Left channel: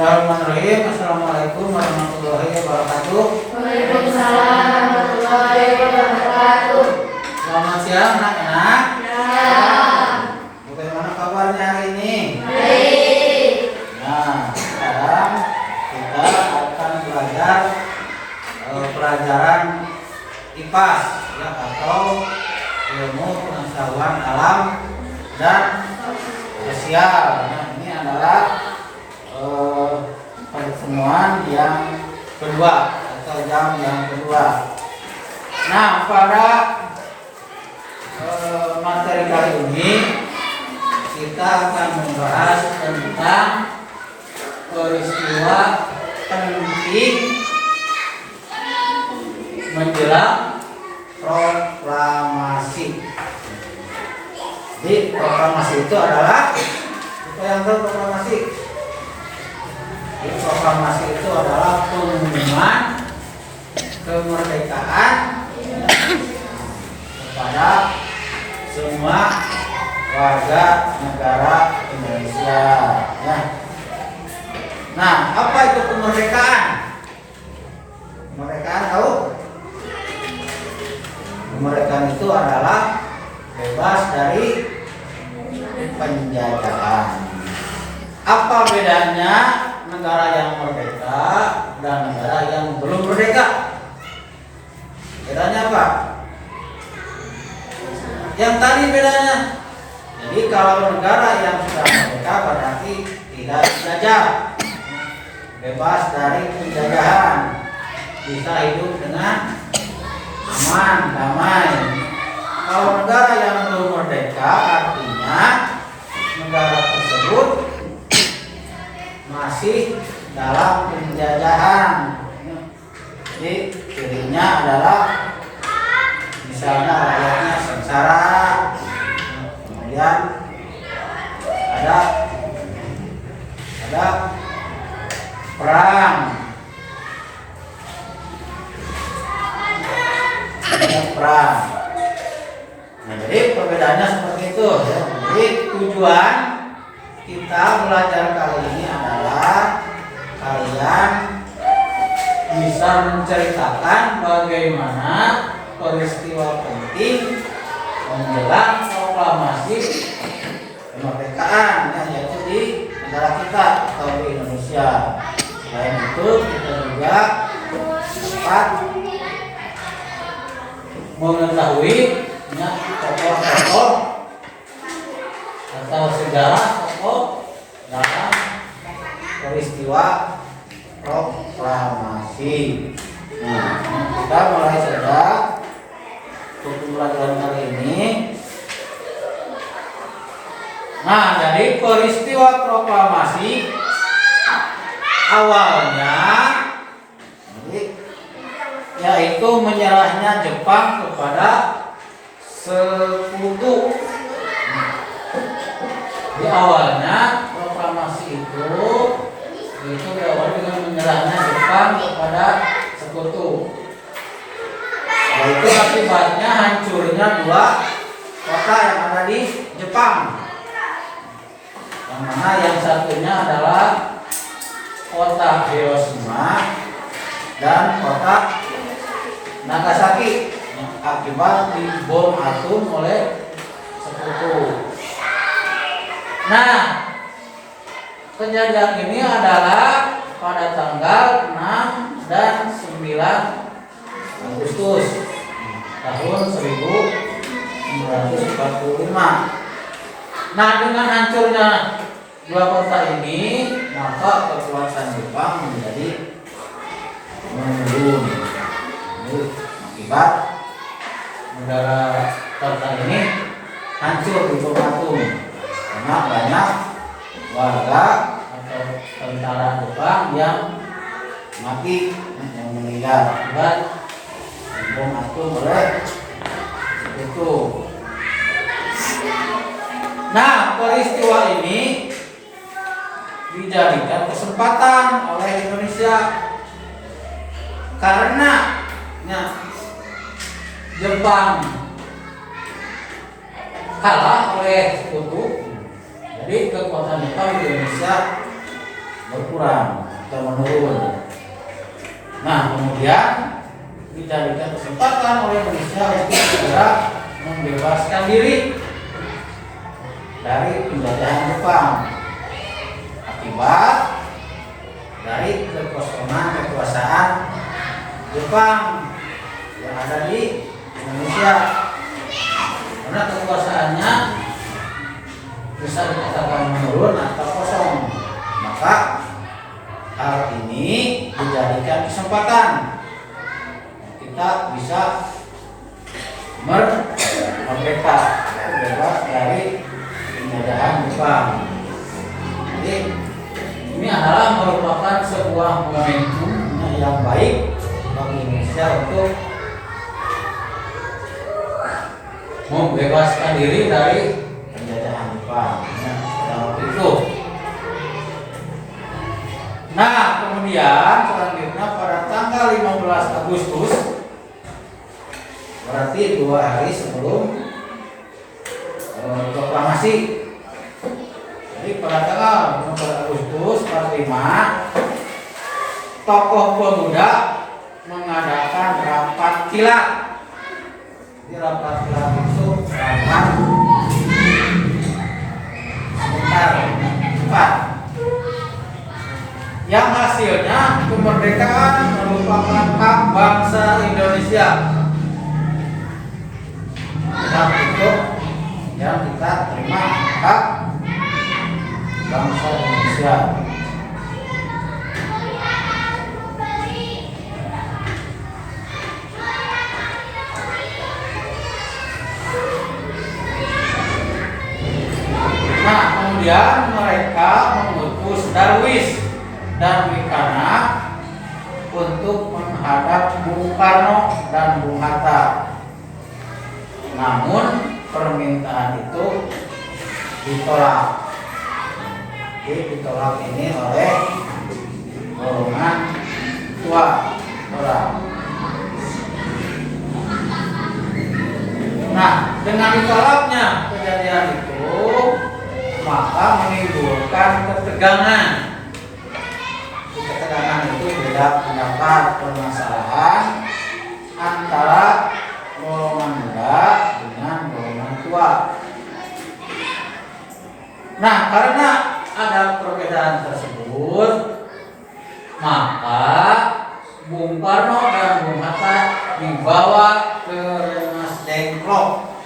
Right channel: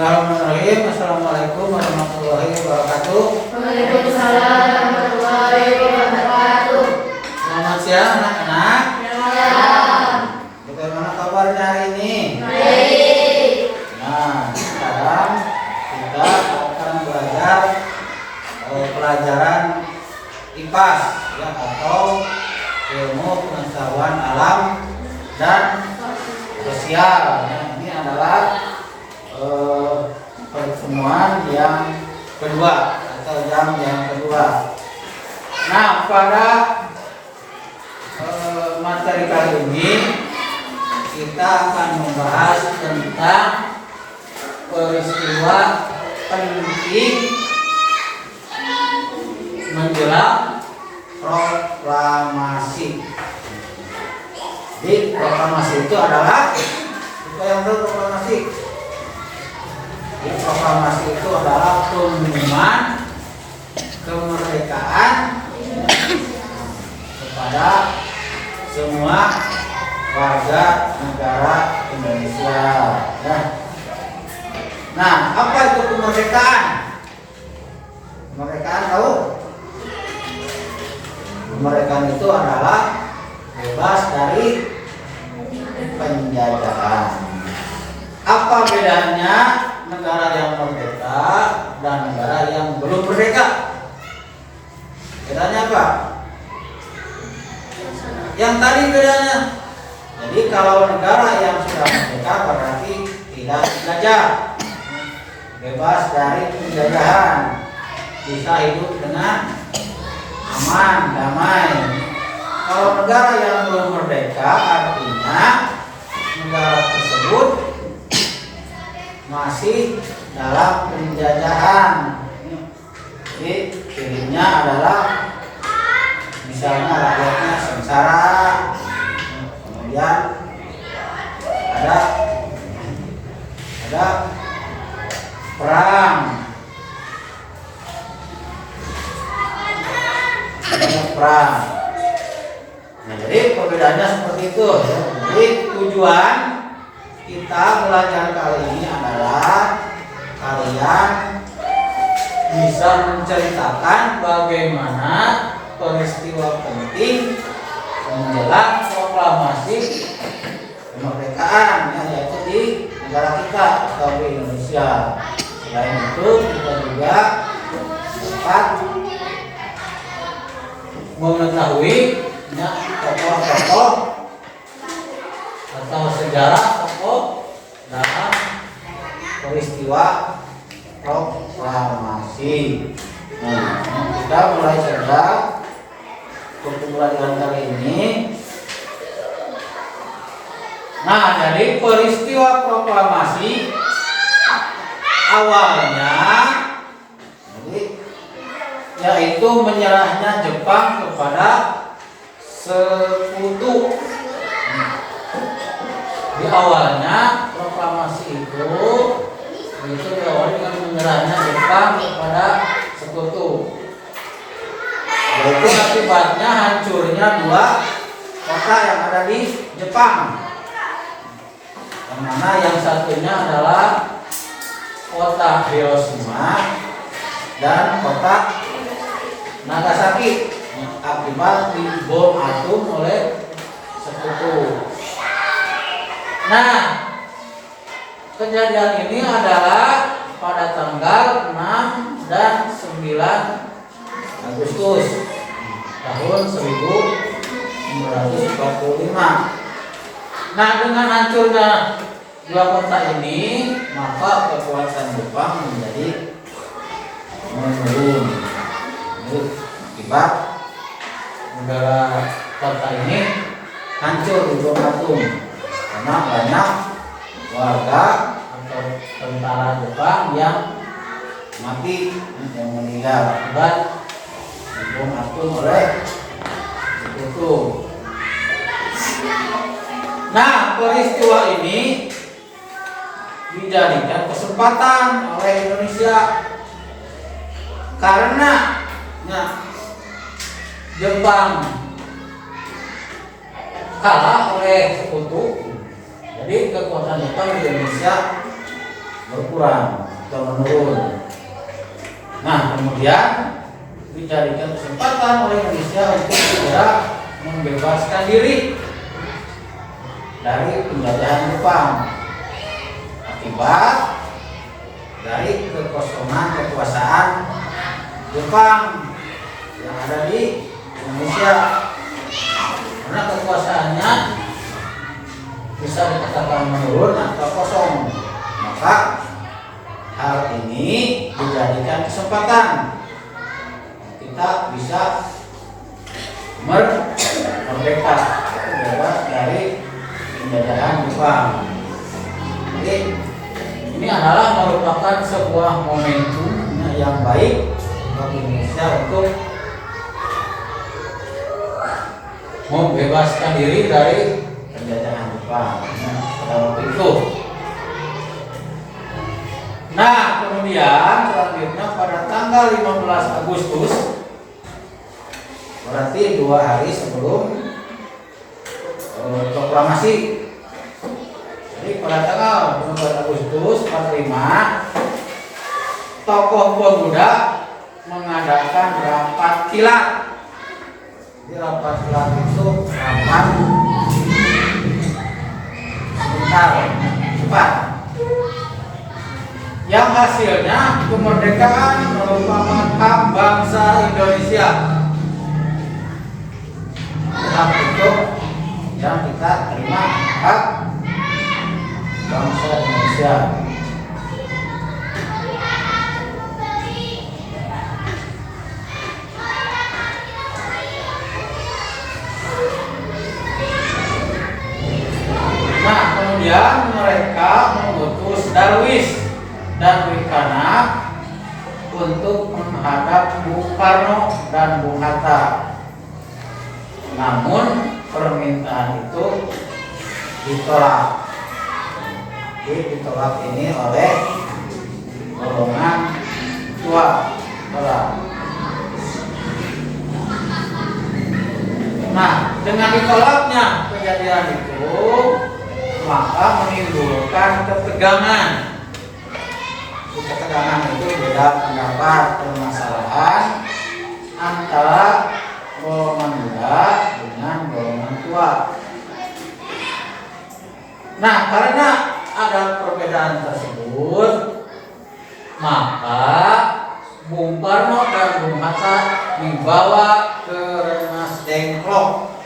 Bismillahirrahmanirrahim. Assalamualaikum warahmatullahi wabarakatuh. Waalaikumsalam warahmatullahi wabarakatuh. Selamat siang anak-anak. Ya. Bagaimana kabarnya hari ini? Baik. Nah, sekarang kita akan belajar pelajaran IPAS ya, atau ilmu pengetahuan alam dan sosial. Nah, ini adalah pertemuan yang kedua atau jam yang kedua. Nah, pada materi kali ini kita akan membahas tentang peristiwa penting menjelang proklamasi. Jadi proklamasi itu adalah, kita yang tahu proklamasi. Jadi, proklamasi itu adalah pengumuman kemerdekaan kepada semua warga negara Indonesia. Ya. Nah, apa itu kemerdekaan? Kemerdekaan tahu? Kemerdekaan itu adalah bebas dari penjajahan. Apa bedanya negara yang merdeka dan negara yang belum merdeka? Bedanya apa? Yang tadi bedanya. Jadi kalau negara yang sudah merdeka berarti tidak dijajah, bebas dari penjajahan, bisa hidup dengan aman, damai. Kalau negara yang belum merdeka artinya negara tersebut masih dalam penjajahan. Jadi cirinya adalah misalnya rakyatnya sengsara, kemudian ada perang, Nah, jadi perbedaannya seperti itu ya. Jadi tujuan kita belajar kali ini adalah kalian bisa menceritakan bagaimana peristiwa penting menjelang proklamasi kemerdekaan yang yaitu di negara kita atau di Indonesia. Selain itu kita juga dapat mengetahui tokoh-tokoh atau sejarah tokoh dalam peristiwa proklamasi. Nah, kita mulai saja untuk pembelajaran kali ini. Nah, dari peristiwa proklamasi awalnya, yaitu menyerahnya Jepang kepada sekutu. Di awalnya proklamasi itu diawali dengan menyerahnya Jepang kepada sekutu. Yaitu akibatnya hancurnya dua kota yang ada di Jepang. Yang mana yang satunya adalah kota Hiroshima dan kota Nagasaki akibat dibom atom oleh sekutu. Nah, kejadian ini adalah pada tanggal 6 dan 9 Agustus tahun 1945. Nah, dengan hancurnya dua kota ini, maka kekuasaan Jepang menjadi menurun. Akibat negara kota ini hancur dibom atom karena banyak warga atau tentara Jepang yang mati, yang meninggal akibat dibom atom oleh sekutu. Nah, peristiwa ini dijadikan kesempatan oleh Indonesia karena Jepang kalah oleh sekutu. Jadi kekuatan Jepang di Indonesia berkurang atau menurun. Nah, kemudian dijadikan kesempatan oleh Indonesia untuk segera membebaskan diri dari penjajahan Jepang akibat dari kekosongan kekuasaan Jepang yang ada di Indonesia, karena kekuasaannya bisa dikatakan menurun atau kosong. Maka hal ini dijadikan kesempatan kita bisa merdeka, bebas dari penjajahan Jepang. Jadi ini adalah merupakan sebuah momentum yang baik bagi Indonesia untuk membebaskan diri dari penjajahan Jepang pada waktu itu. Nah, kemudian selanjutnya pada tanggal 15 Agustus, berarti 2 hari sebelum proklamasi. Jadi pada tanggal 15 Agustus 45, tokoh pemuda mengadakan rapat kilat. Di rapat kilat itu rapat sebentar, cepat. Yang hasilnya kemerdekaan merupakan hak bangsa Indonesia. Dan itu yang kita terima, hak bangsa Indonesia. Nah, kemudian mereka mengutus Darwis dan Wikana untuk menghadap Bung Karno dan Bung Hatta. Namun permintaan itu ditolak. Jadi ditolak ini oleh golongan tua orang. Nah, dengan ditolaknya kejadian itu, maka menimbulkan ketegangan. Ketegangan itu beda pendapat, permasalahan antara golongan muda dengan golongan tua. Nah, karena ada perbedaan tersebut, maka Bung Karno dan Bung Hatta dibawa ke Rengas Dengklok.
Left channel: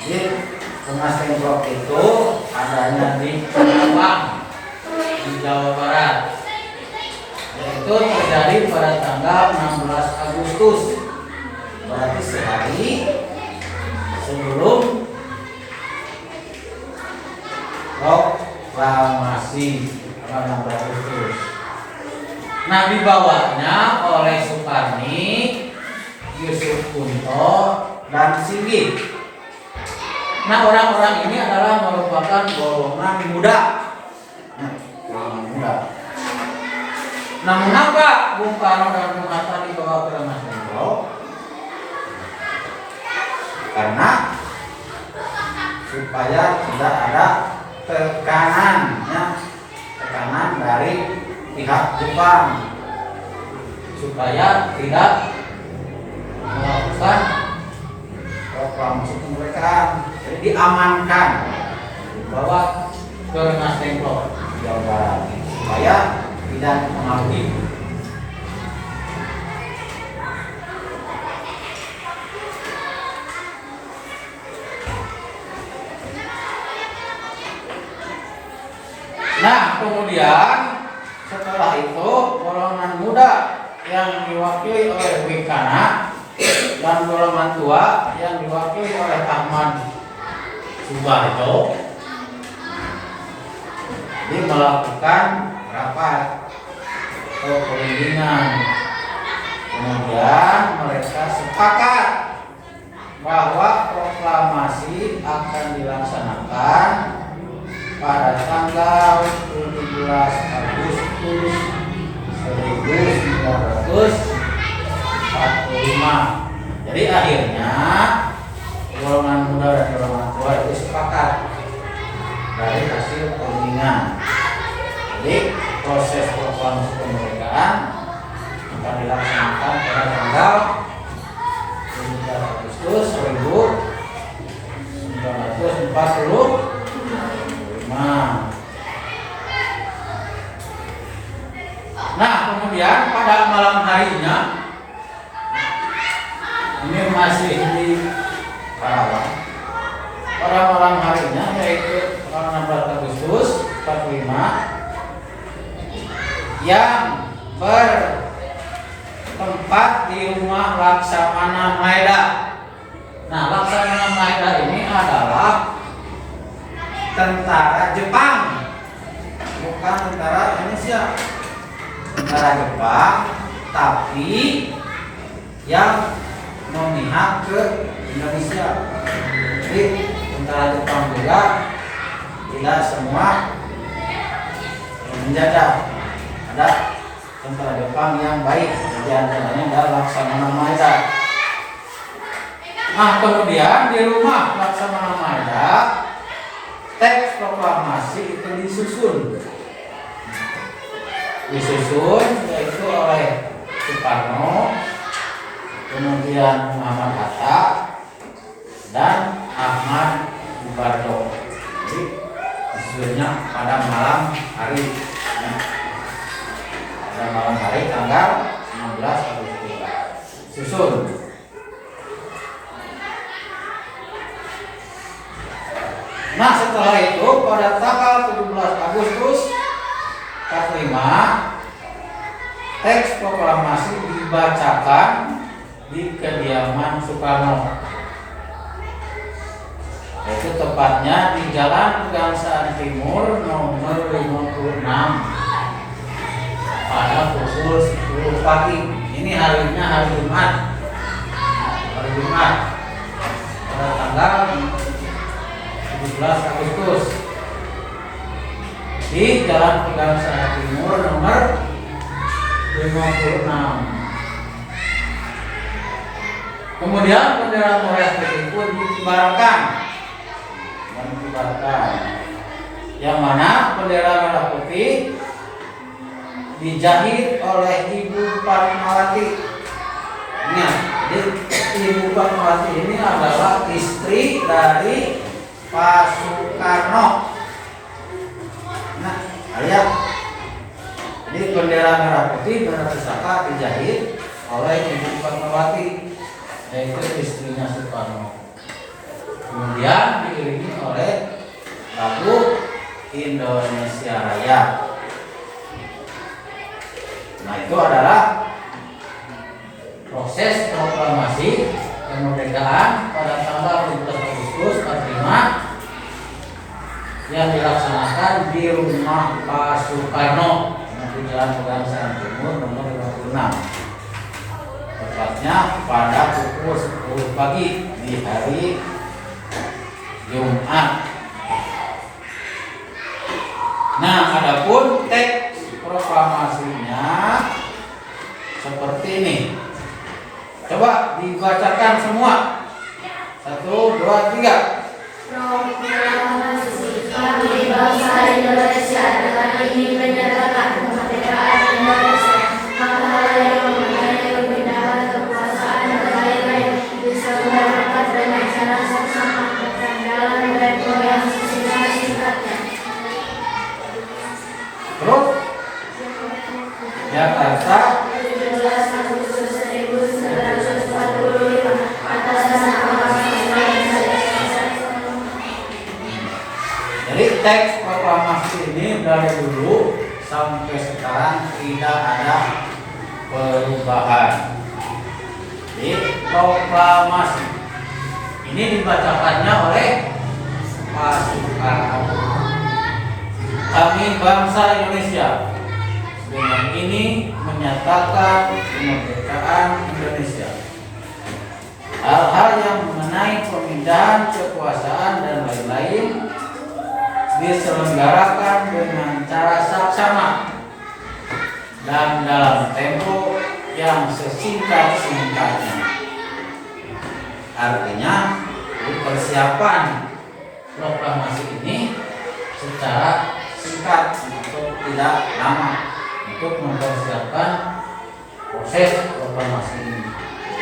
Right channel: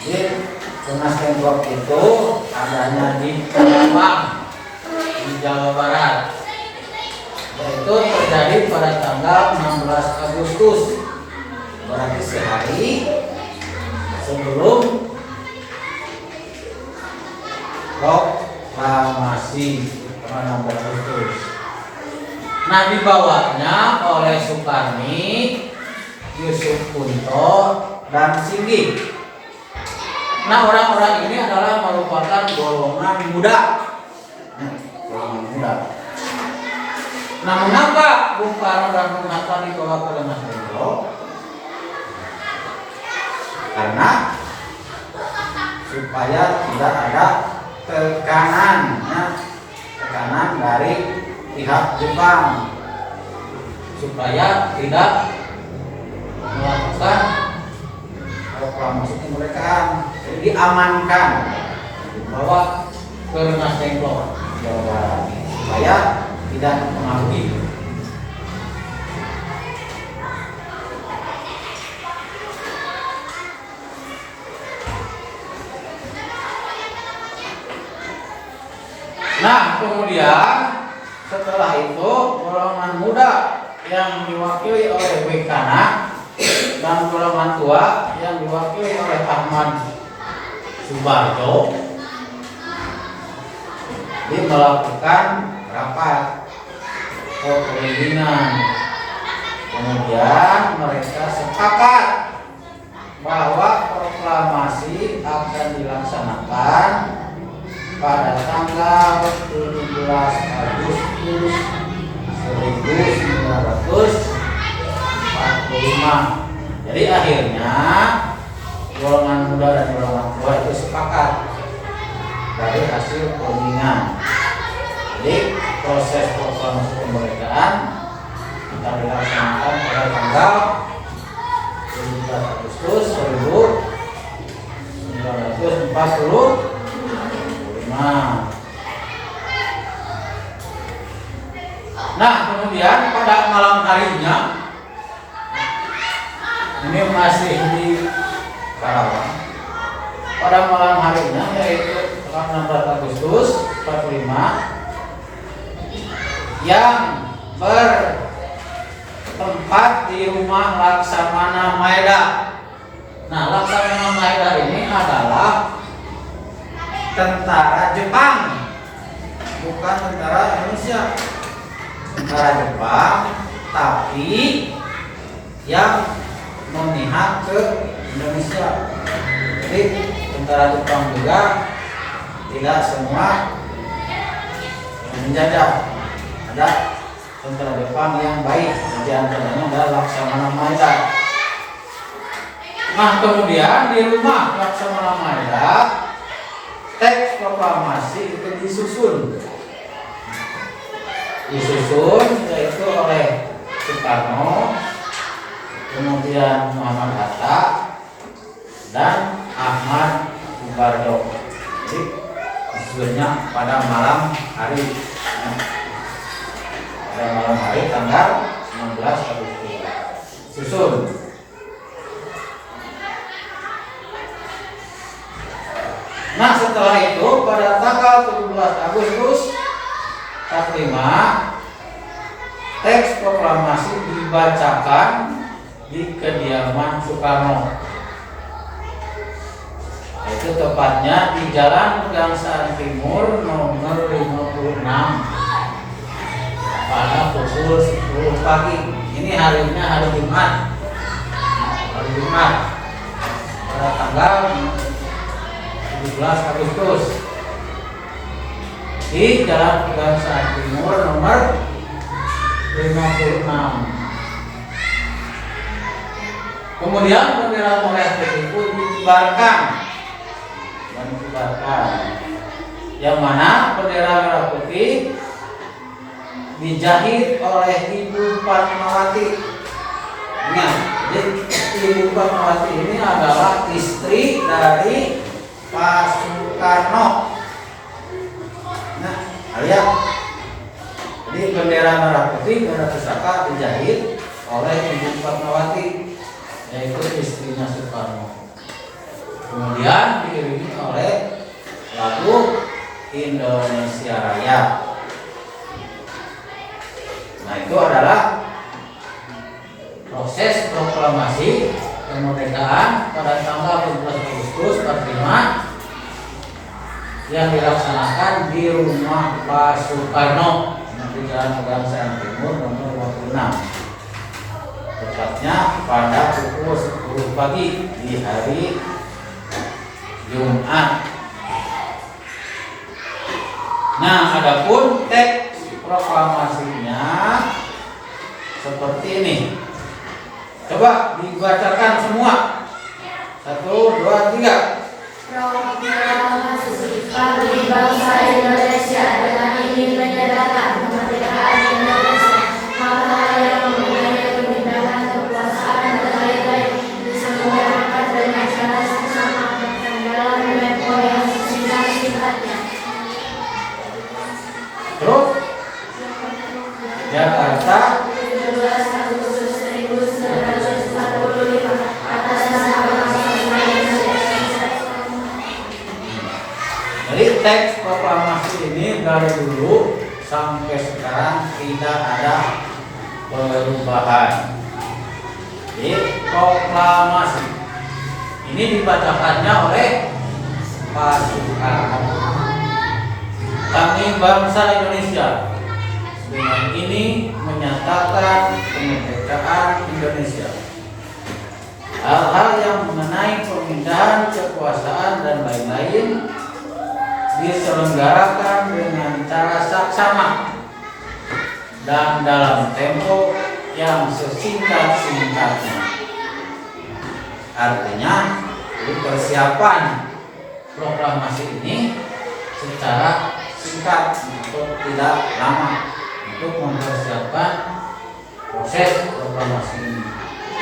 Jadi Rengas Dengklok itu adanya di Karawang, di Jawa Barat. Itu terjadi pada tanggal 16 Agustus, berarti sehari sebelum proklamasi tanggal 16 Agustus. Nah, dibawanya oleh Sukarni, Yusuf Kunto, dan Singgih. Nah, orang-orang ini adalah merupakan golongan muda. Golongan muda. Nah, mengapa Bung Karno dan Bung Hatta dibawa ke Rengas Dengklok? Karena supaya tidak ada tekanan dari pihak Jepang, supaya tidak melakukan proklamasi kemerdekaan. Jadi diamankan, dibawa ke Rengas Dengklok, Jawa Barat, supaya tidak mempengaruhi. Nah, kemudian setelah itu golongan muda yang diwakili oleh Wikana dan golongan tua yang diwakili oleh Ahmad Subarjo melakukan rapat pembimbingan. Kemudian mereka sepakat bahwa proklamasi akan dilaksanakan pada tanggal 17 Agustus 1945. Jadi akhirnya golongan muda dan golongan tua itu sepakat dari hasil perundingan. Jadi proses proklamasi kemerdekaan akan dilaksanakan pada tanggal 17 Agustus 1945. Nah, kemudian pada malam harinya, ini masih di Karawang. Pada malam harinya, yaitu 16 Agustus 45, yang bertempat di rumah Laksamana Maeda. Nah, Laksamana Maeda ini adalah tentara Jepang, bukan tentara Indonesia. Tentara Jepang, tapi yang memihak ke Indonesia. Jadi tentara Jepang juga tidak semua menjajah. Ada tentara Jepang yang baik, di antaranya adalah Laksamana Maeda. Nah, kemudian di rumah Laksamana Maeda, teks proklamasi itu disusun yaitu oleh Soekarno, kemudian Muhammad Hatta, dan Ahmad Subardo. Jadi disusunnya pada malam hari, tanggal 16 Agustus susun. Nah, setelah itu pada tanggal 17 Agustus 45, teks proklamasi dibacakan di kediaman Soekarno. Itu tepatnya di Jalan Pegangsaan Timur nomor 56 pada pukul 10 pagi. Ini harinya hari Jumat. Pada tanggal 17 Agustus di Jalan Pegangsaan Timur nomor 56. Kemudian bendera merah putih pun dikibarkan, yang mana bendera merah putih dijahit oleh Ibu Fatmawati. Ingat, Ibu Fatmawati ini adalah istri dari Pak Soekarno. Nah, lihat. Jadi bendera merah putih, bendera pusaka dijahit oleh Ibu Fatmawati, yaitu istrinya Soekarno. Kemudian diiringi oleh lagu Indonesia Raya. Nah, itu adalah proses proklamasi kemerdekaan pada tanggal 17 Agustus 45 yang dilaksanakan di rumah Pak Soekarno di Jalan Pegangsaan Timur nomor 56. Tepatnya pada pukul 10 pagi di hari Jumat. Nah, adapun teks proklamasinya seperti ini. Coba dibacakan semua. 1, 2, 3. Kami bangsa Indonesia dengan ini menyatakan kemerdekaan Indonesia. Hal-hal yang mengenai kebenaran, kekuasaan, dan lain-lain diselenggarakan dengan cara saksama dan dalam tempo yang sesingkat-singkatnya. Terus Jakarta 17 Agustus 1945 atas nama Jadi teks proklamasi ini dari dulu sampai sekarang tidak ada perubahan. Jadi proklamasi ini dibacakannya oleh Pak Soekarno. Kami bangsa Indonesia dengan ini menyatakan kemerdekaan Indonesia. Hal-hal yang mengenai pemindahan kekuasaan dan lain-lain diselenggarakan dengan cara saksama dan dalam tempo yang sesingkat-singkatnya. Artinya, persiapan proklamasi ini secara singkat atau tidak lama untuk mempersiapkan proses proklamasi ini.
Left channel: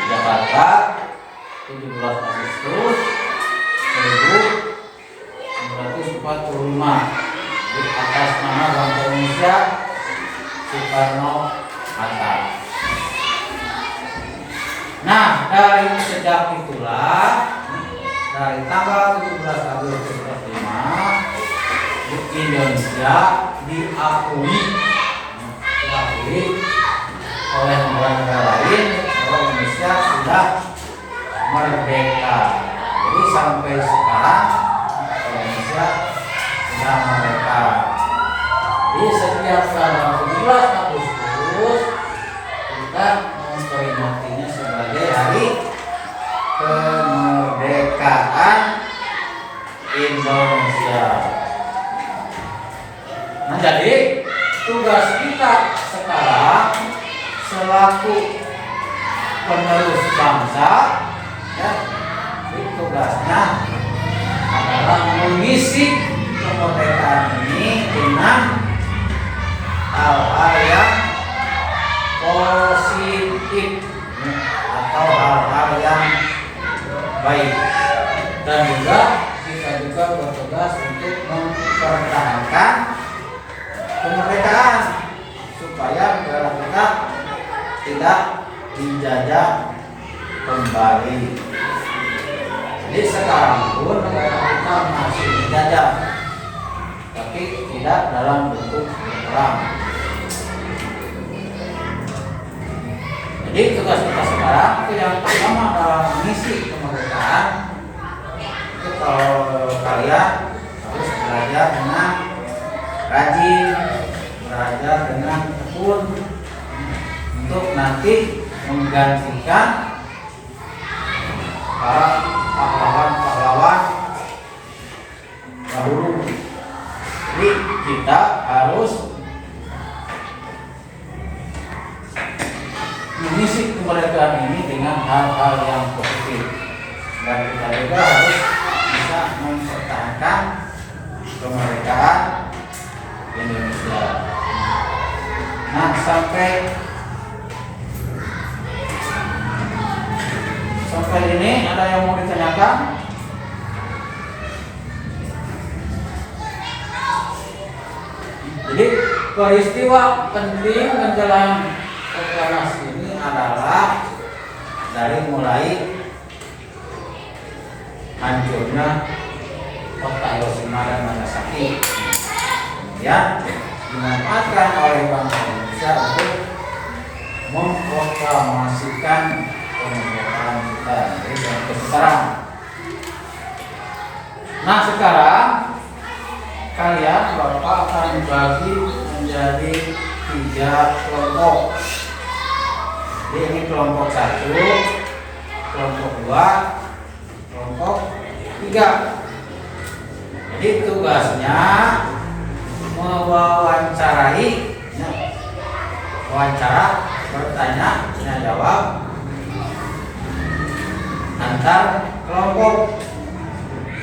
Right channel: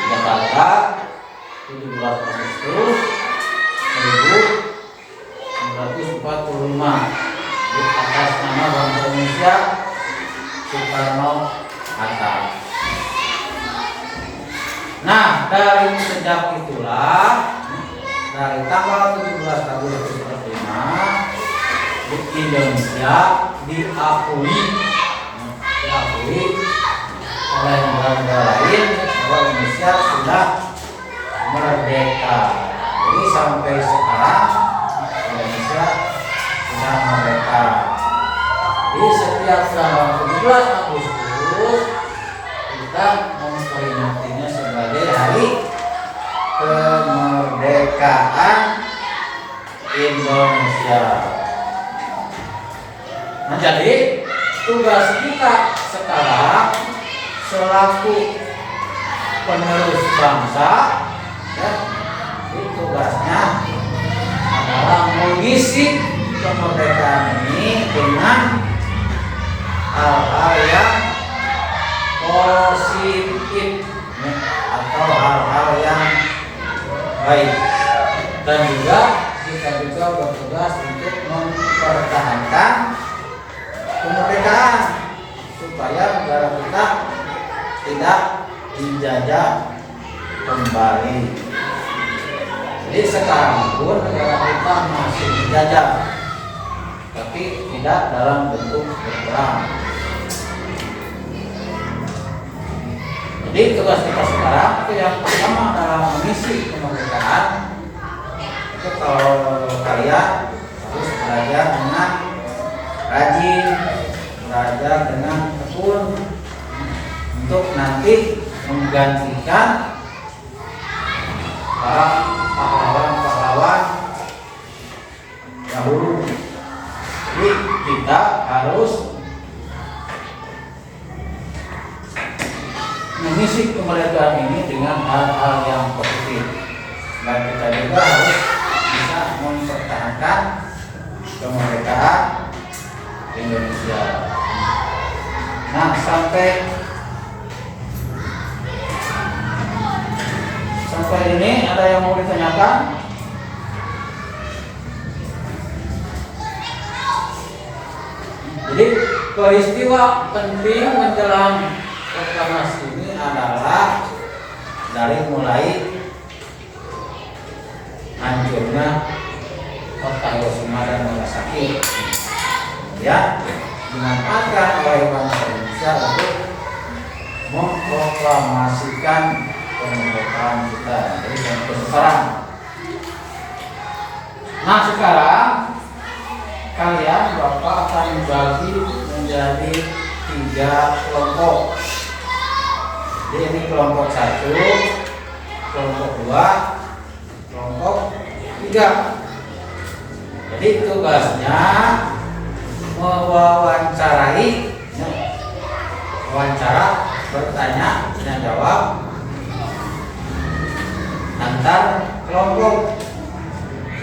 Jakarta 17 Agustus 1945 di atas nama Bangsa Indonesia Soekarno-Hatta. Nah, dari sejak itulah dari tanggal 17 Agustus 45 di Indonesia diakui oleh negara-negara lain bahwa Indonesia sudah merdeka. Jadi sampai sekarang Indonesia sudah merdeka. Di setiap tanggal 17 Agustus kita memperingatinya sebagai hari kemerdekaan Indonesia. Nah, jadi tugas kita sekarang selaku penerus bangsa, ya, tugasnya adalah mengisi kemerdekaan ini dengan hal-hal yang positif, ya, atau hal-hal yang baik, dan juga kita juga bertugas untuk mempertahankan kemerdekaan supaya negara kita tidak dijajah kembali. Jadi sekarang pun negara kita masih dijajah, tapi tidak dalam bentuk berperang. Jadi tugas kita sekarang itu yang pertama adalah mengisi kemerdekaan. Itu kalau kalian harus belajar dengan rajin, belajar dengan tekun untuk nanti menggantikan para pahlawan-pahlawan dahulu. Jadi kita harus mengisi kemerdekaan ini dengan hal-hal yang positif, dan kita juga harus bisa mempertahankan kemerdekaan Indonesia. Nah, sampai ini ada yang mau ditanyakan? Jadi peristiwa penting menjelang proklamasi ini adalah dari mulai hancurnya kota Hiroshima dan Nagasaki, ya, dimanfaatkan oleh bangsa Indonesia untuk memproklamasikan kemerdekaan kita dari sekarang. Nah, sekarang kalian Bapak akan bagi menjadi 3 kelompok. Jadi ini kelompok 1, kelompok 2, kelompok 3. Jadi tugasnya mewawancarai, wawancara, bertanya, dan jawab antar kelompok.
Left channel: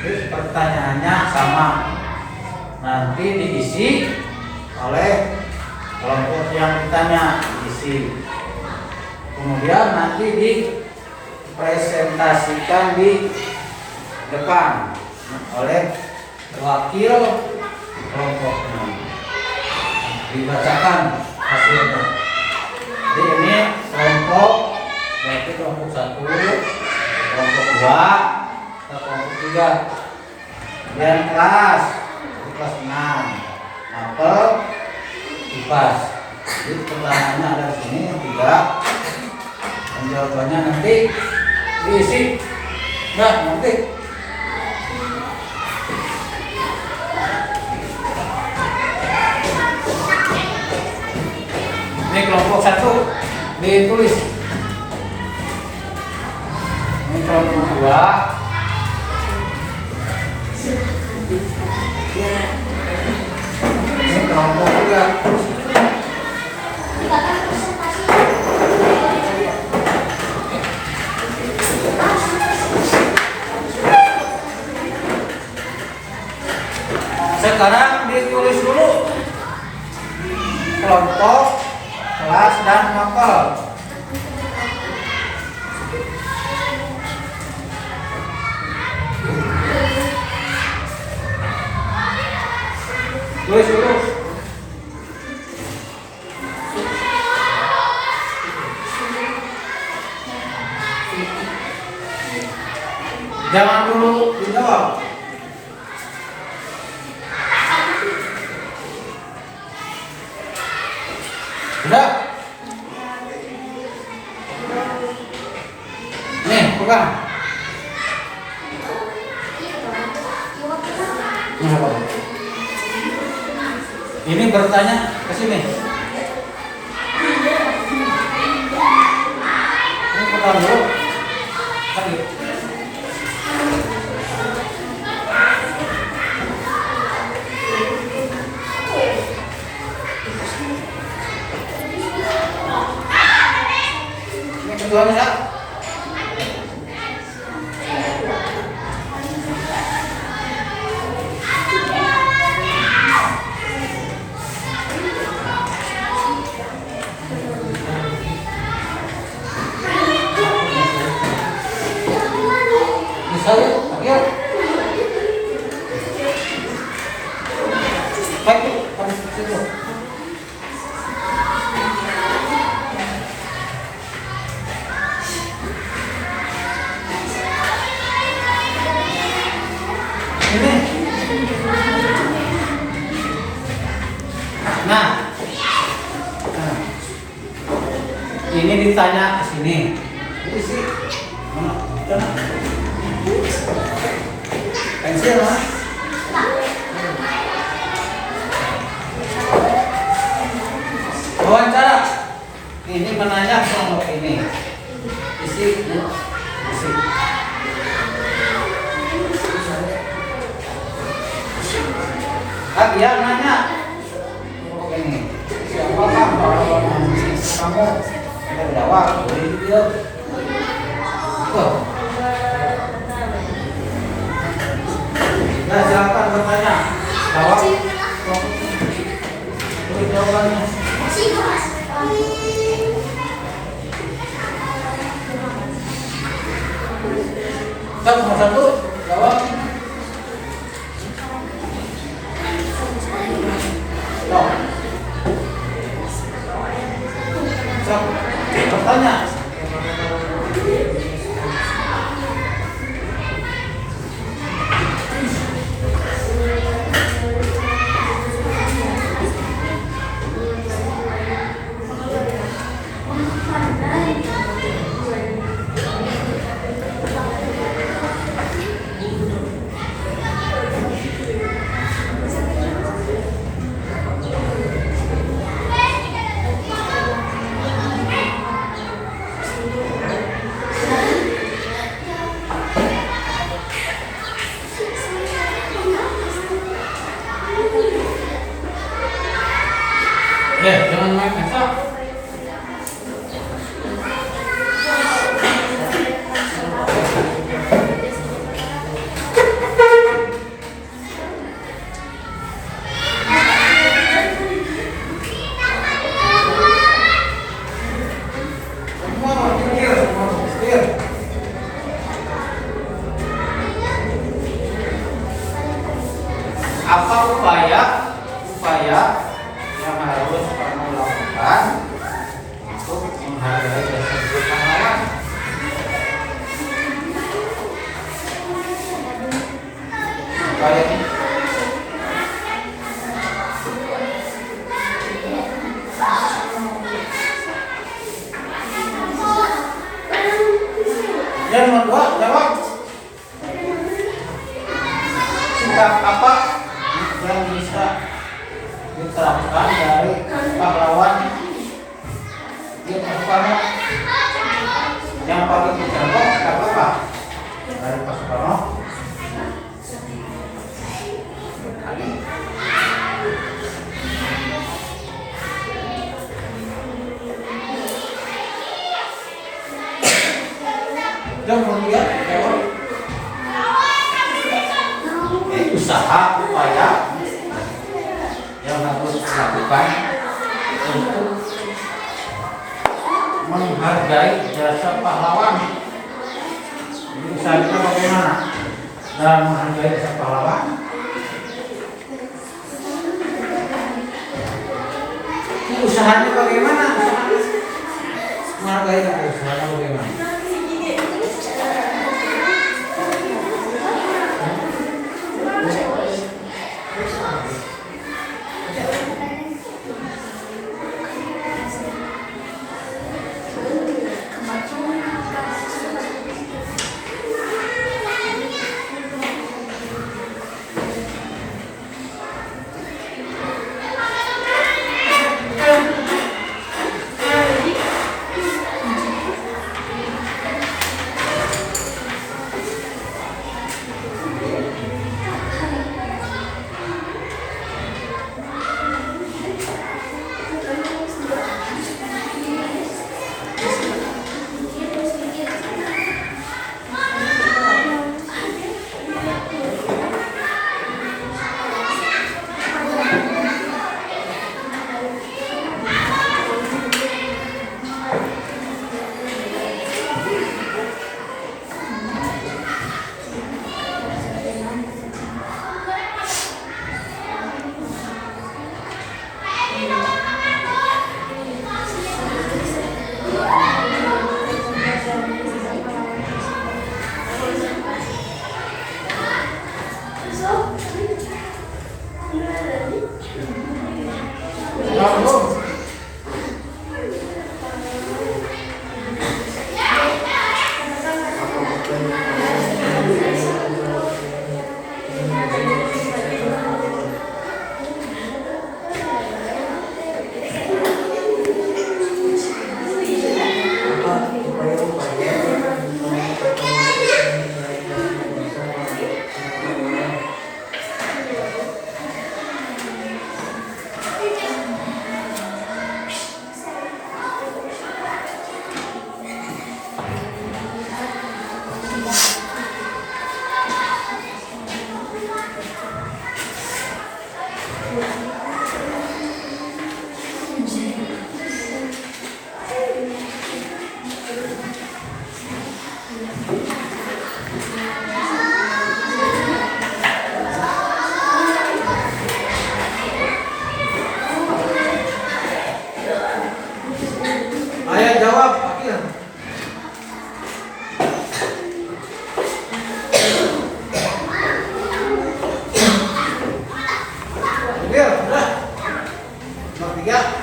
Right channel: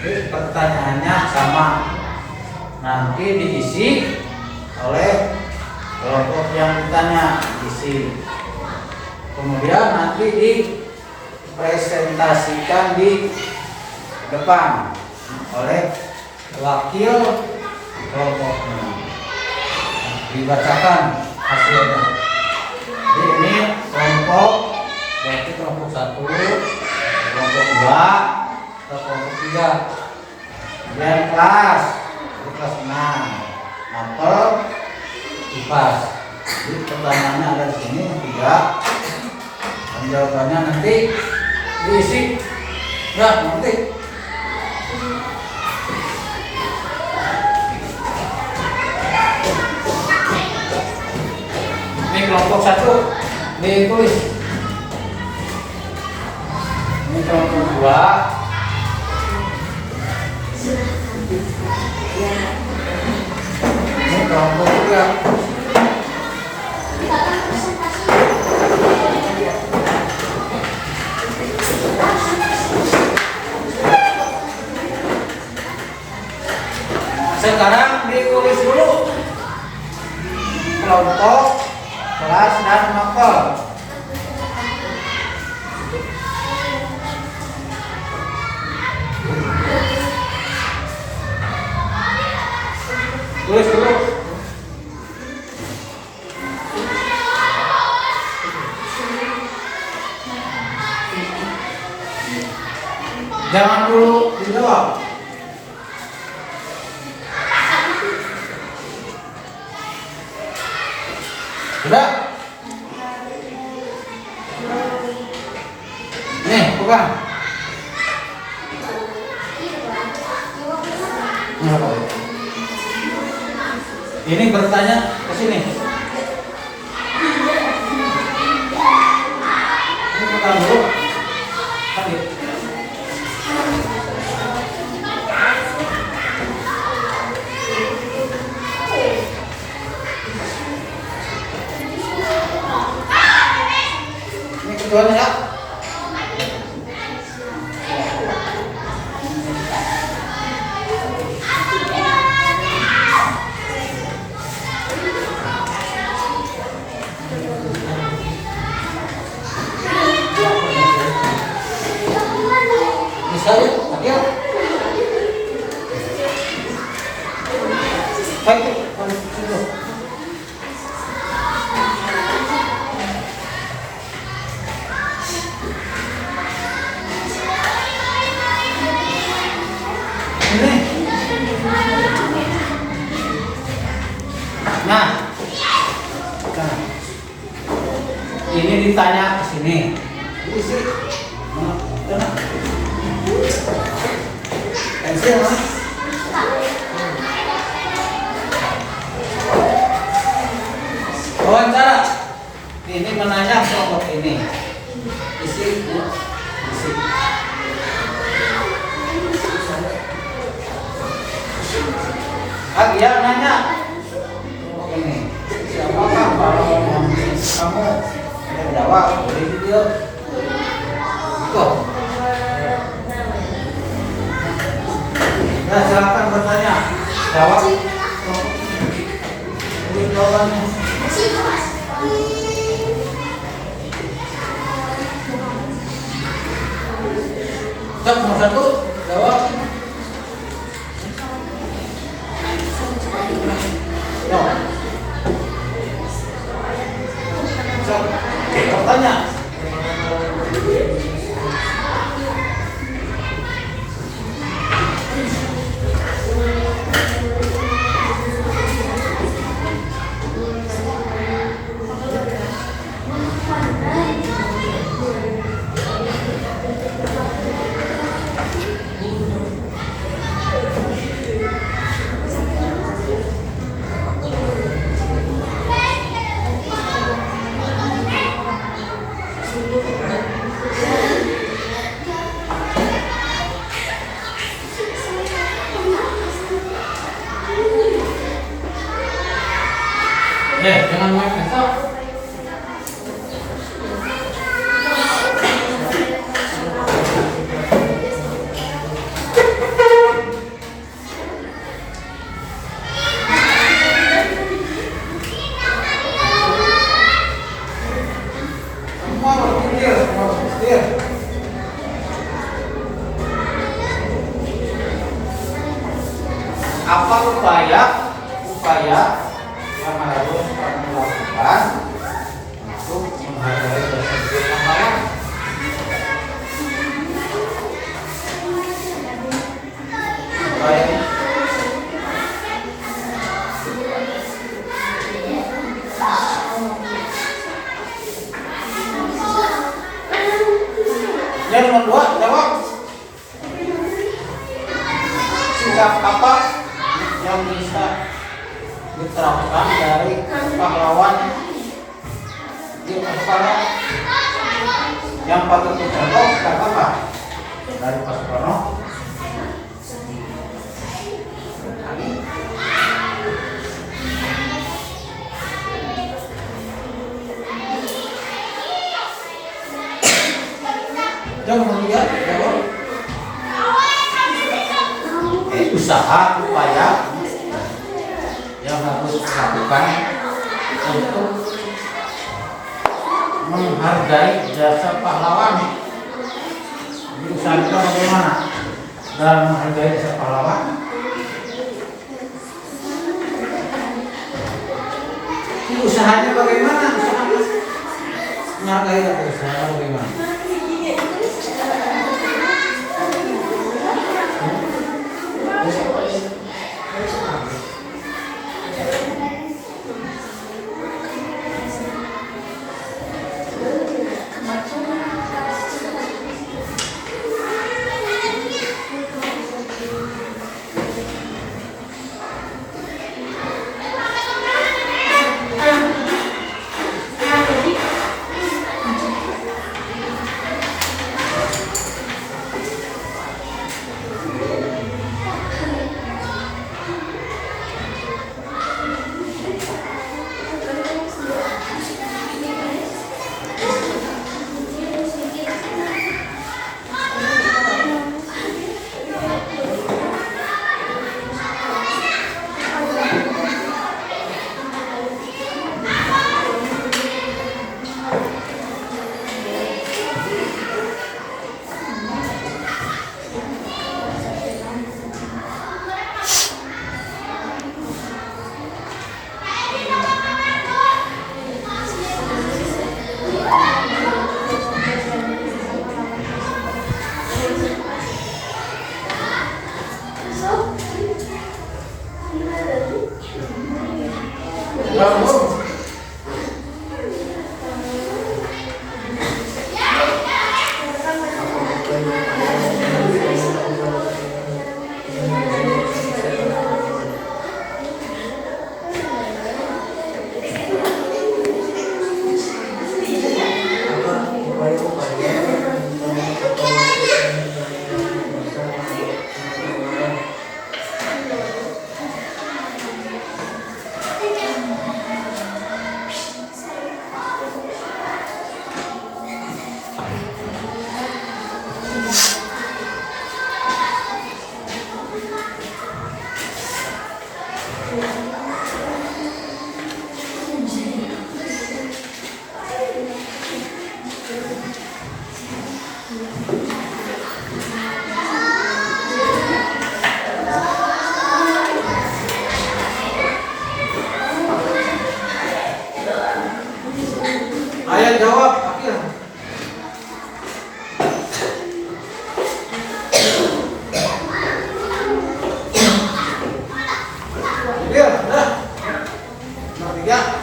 Jadi pertanyaannya sama, nanti diisi oleh kelompok yang ditanya, diisi. Kemudian nanti dipresentasikan di depan oleh wakil kelompoknya, dibacakan hasilnya. Jadi ini kelompok, berarti kelompok 1, kelompok 2, atau kelompok 3. Kemudian kelas 6, mapel, IPAS. Jadi pertanyaannya ada di sini 3, dan jawabannya nanti diisi. Nah, nanti ini kelompok 1 ditulis, ini kelompok 2, ini kelompok 3. Sekarang ditulis dulu kelompok, kelas, dan mapel. Tulis dulu. Jangan dulu dijawab. Sudah? Nih, pegang. Ini apa? Ini bertanya ke sini. Ini pegang dulu. Lanjut. Ini keduanya ya. Saya, oke. Baik, situ. Ini. Nah. Ini ditanya ke sini. Isi. Mana? Pensil mas. Wawancara. Ini menanya kelompok ini. Isi. Yang nanya kelompok ini. Siapakah pahlawan kamu? Kita jawab. Boleh video. Tuh. Nah, silakan bertanya. Jawab. Ini jawabannya. Cek nomor 1, jawab. Cek. Bertanya. Jangan main besok. Apa upaya yang harus kamu lakukan untuk menghargai jasa pahlawan? Upaya ini yang nomor 2, jawab. Sikap apa yang bisa diterapkan dari pahlawan di Soekarno? Yang paling dicontoh apa dari Pak Soekarno? Dan kemudian jawab. Usaha upaya yang harus dilakukan untuk menghargai jasa pahlawan. Jadi usaha kita bagaimana dalam menghargai jasa pahlawan? Usahanya bagaimana? Menghargai usahanya bagaimana? Ayah jawab, Akil. Akil, udah. Nomor 3.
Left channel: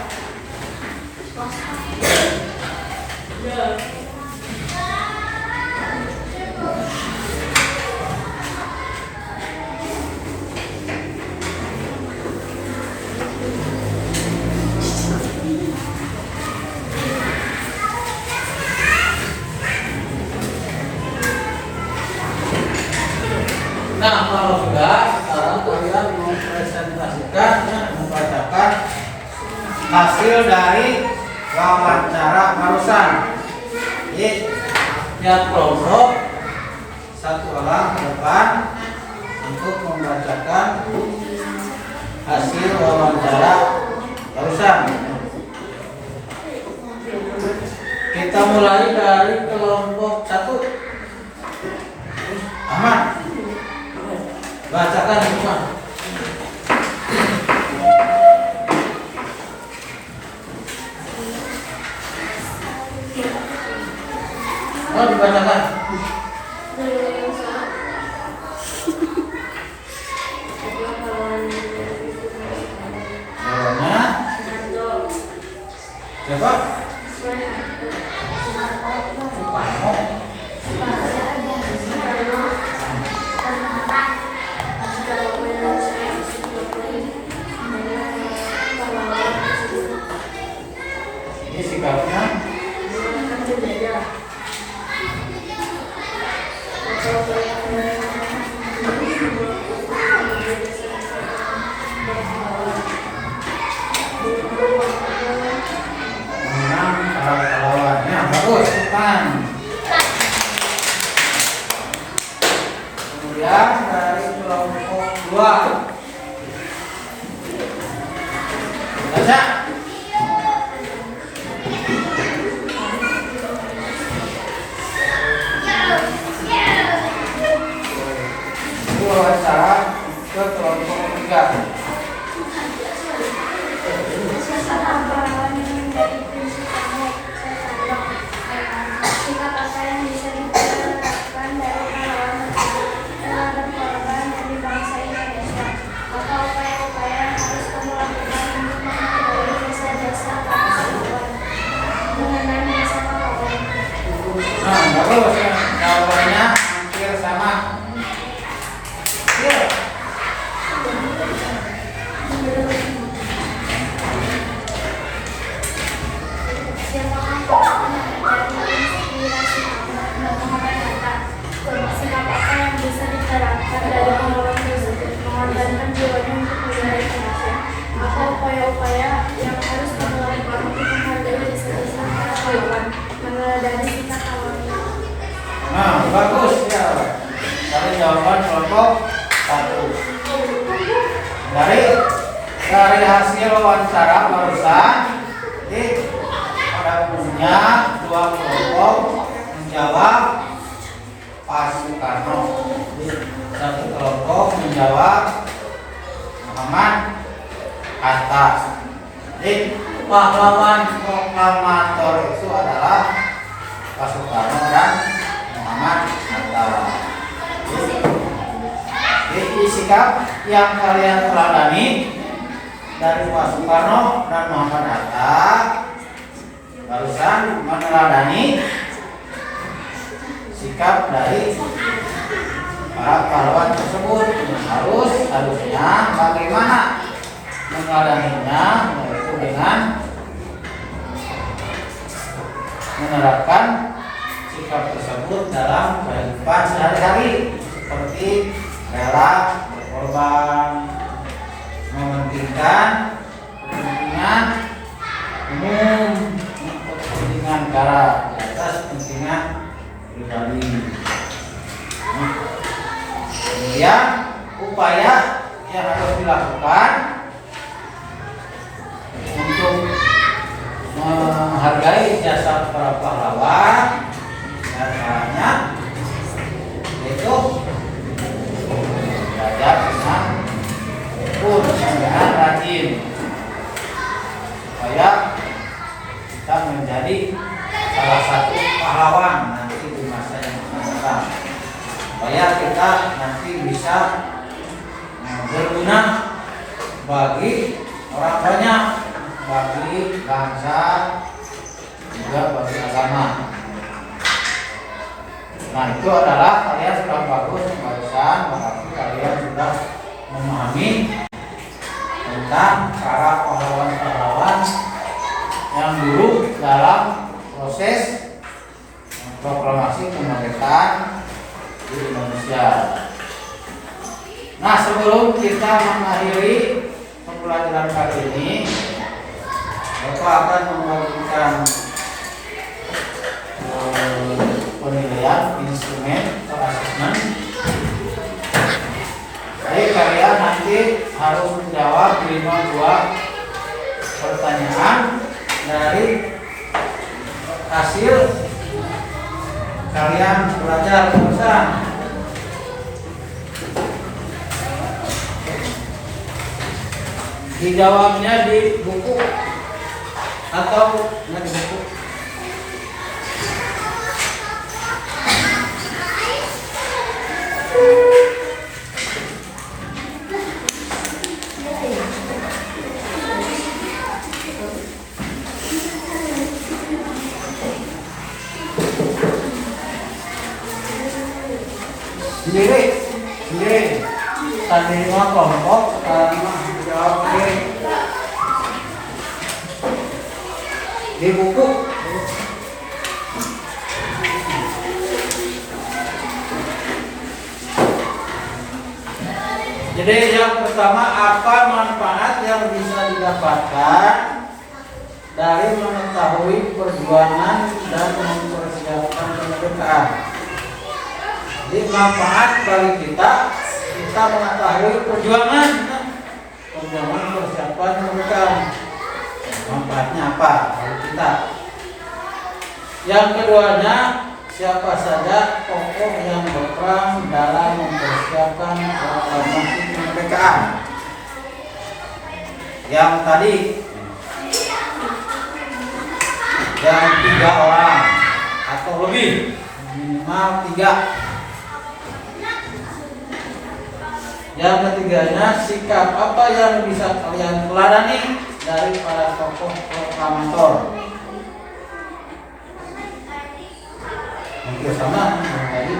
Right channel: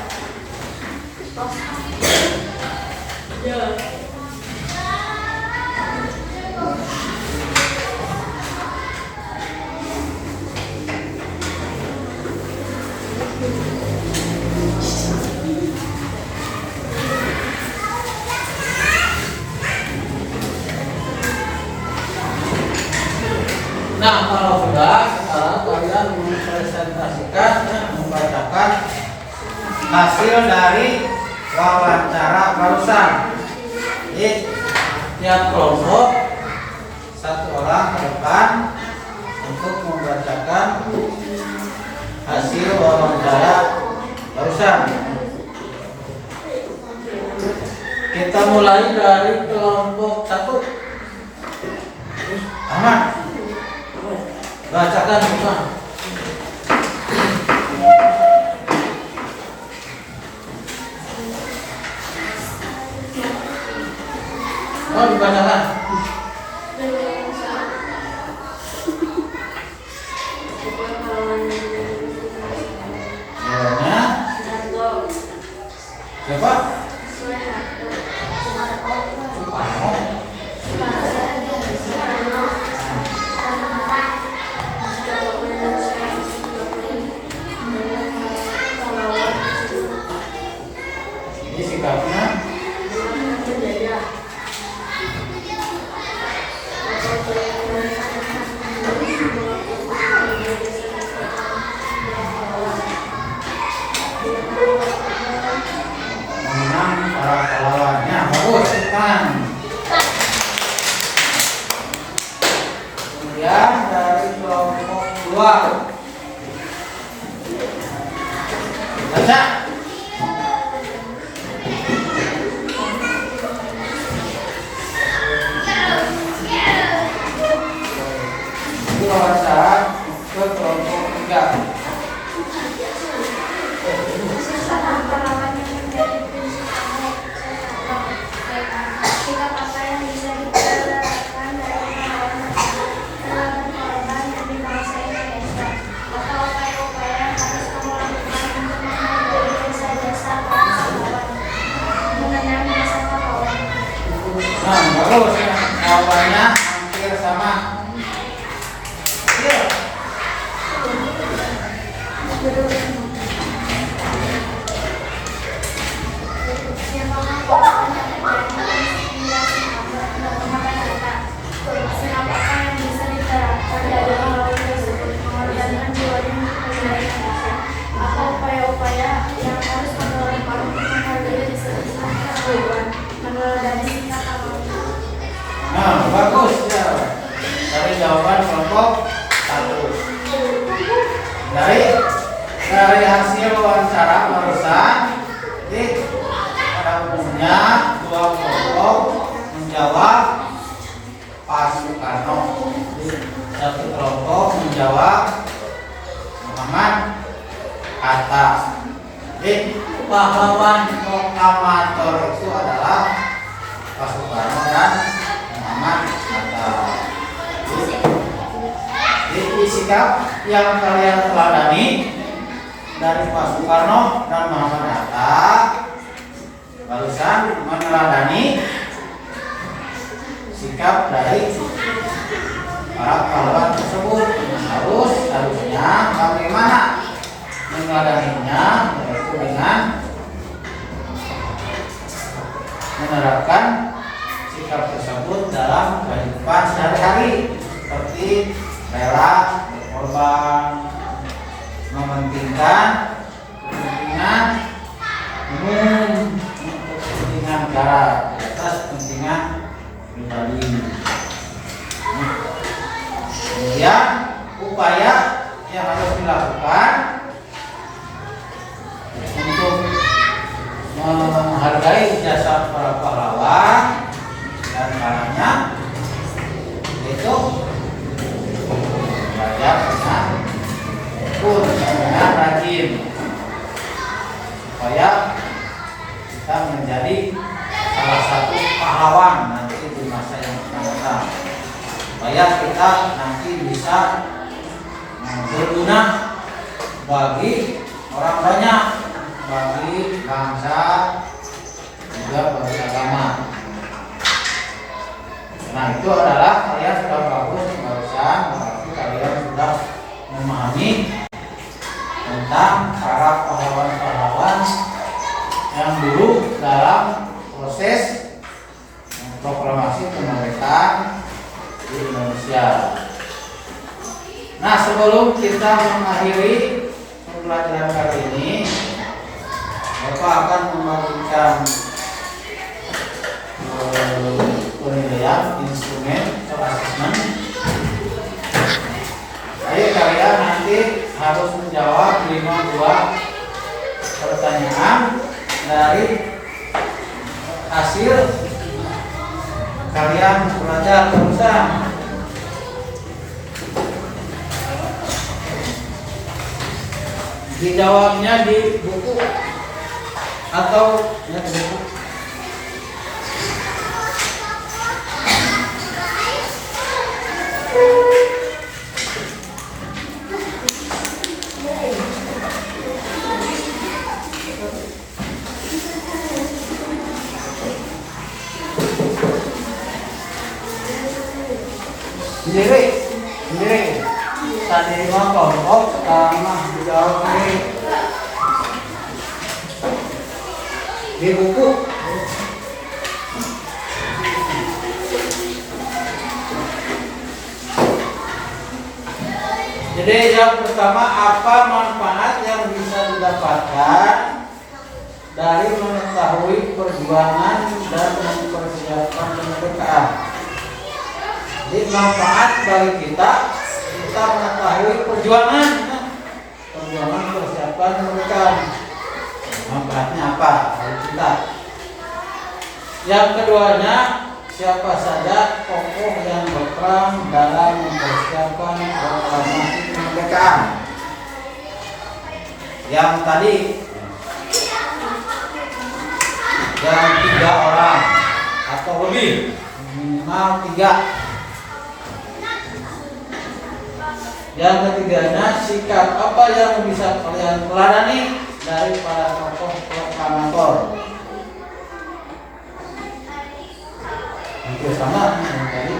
Nah, kalau sudah, sekarang kalian mempresentasikan, membacakan hasil dari wawancara barusan. Jadi, tiap kelompok 1 orang ke depan untuk membacakan hasil wawancara barusan. Kita mulai dari kelompok 1. Ahmad, bacakan semua. Oh, dibacakan. Namanya siapa? Suparno. Ini sikapnya mengenang para pahlawannya. Bagus, depan. Kemudian dari kelompok 2 Baca. Wawancara ke kelompok 3. Pahlawan yang menjadi prinsip kamu. Sikap apa yang bisa diterapkan dari pahlawan telah berkorban di bangsa Indonesia? Apa upaya-upaya yang harus kamu lakukan untuk menghargai jasa-jasa para pahlawan? Mengenang masa pahlawan. Nah, bagus ya. Jawabannya hampir sama. Ya. Siapakah pahlawan yang menjadi inspirasi kamu dalam kata-kata? Sikap apa yang bisa diterapkan dari pahlawan tersebut mengorbankan jiwanya untuk membela Indonesia? Apa upaya-upaya yang harus kamu lakukan untuk menghargai jasa-jasa para pahlawan? Meneladani sikap pahlawan. Nah, bagus ya. Dari jawaban kelompok 1. Dari hasil wawancara barusan, pada umumnya dua kelompok menjawab Pak Soekarno. Satu kelompok menjawab Muhammad Hatta. Jadi pahlawan proklamator itu adalah Pak Soekarno dan Muhammad Hatta. Jadi sikap yang kalian teladani dari Pak Soekarno dan Muhammad Hatta barusan meneladani sikap dari para pahlawan tersebut. Harusnya bagaimana meneladaninya, yaitu dengan menerapkan sikap tersebut dalam kehidupan sehari-hari, seperti rela berkorban, mementingkan kepentingan umum untuk kepentingan negara di atas kepentingan pribadi. Kemudian upaya yang harus dilakukan untuk menghargai jasa para pahlawan dan caranya yaitu belajar dengan tekun dan rajin supaya kita menjadi salah satu pahlawan nanti di masa yang akan datang, supaya kita nanti bisa berguna bagi orang banyak, bagi bangsa, juga bagi agama. Nah, itu adalah kalian sudah bagus barusan, berarti kalian sudah memahami tentang para pahlawan-pahlawan yang dulu dalam proses proklamasi kemerdekaan di Indonesia. Nah, sebelum kita mengakhiri pembelajaran kali ini, Bapak akan membagikan penilaian instrumen atau asesmen. Jadi kalian nanti harus menjawab 52 pertanyaan dari hasil kalian belajar bersama. Dijawabnya di buku atau di buku. Sendiri. Tadi mah kelompok, sekarang mah dijawab sendiri. Di buku. Jadi yang pertama, apa manfaat yang bisa didapatkan dari mengetahui perjuangan dan mempersiapkan kemerdekaan? Jadi manfaat bagi kita mengetahui perjuangan persiapan kemerdekaan. manfaatnya apa bagi kita. Yang keduanya, siapa saja tokoh yang berperan dalam mempersiapkan proklamasi kemerdekaan. Yang tadi yang 3 orang atau lebih, minimal 3. Yang ketiganya, sikap apa yang bisa kalian teladani dari para tokoh proklamator. Itu sama dengan tadi.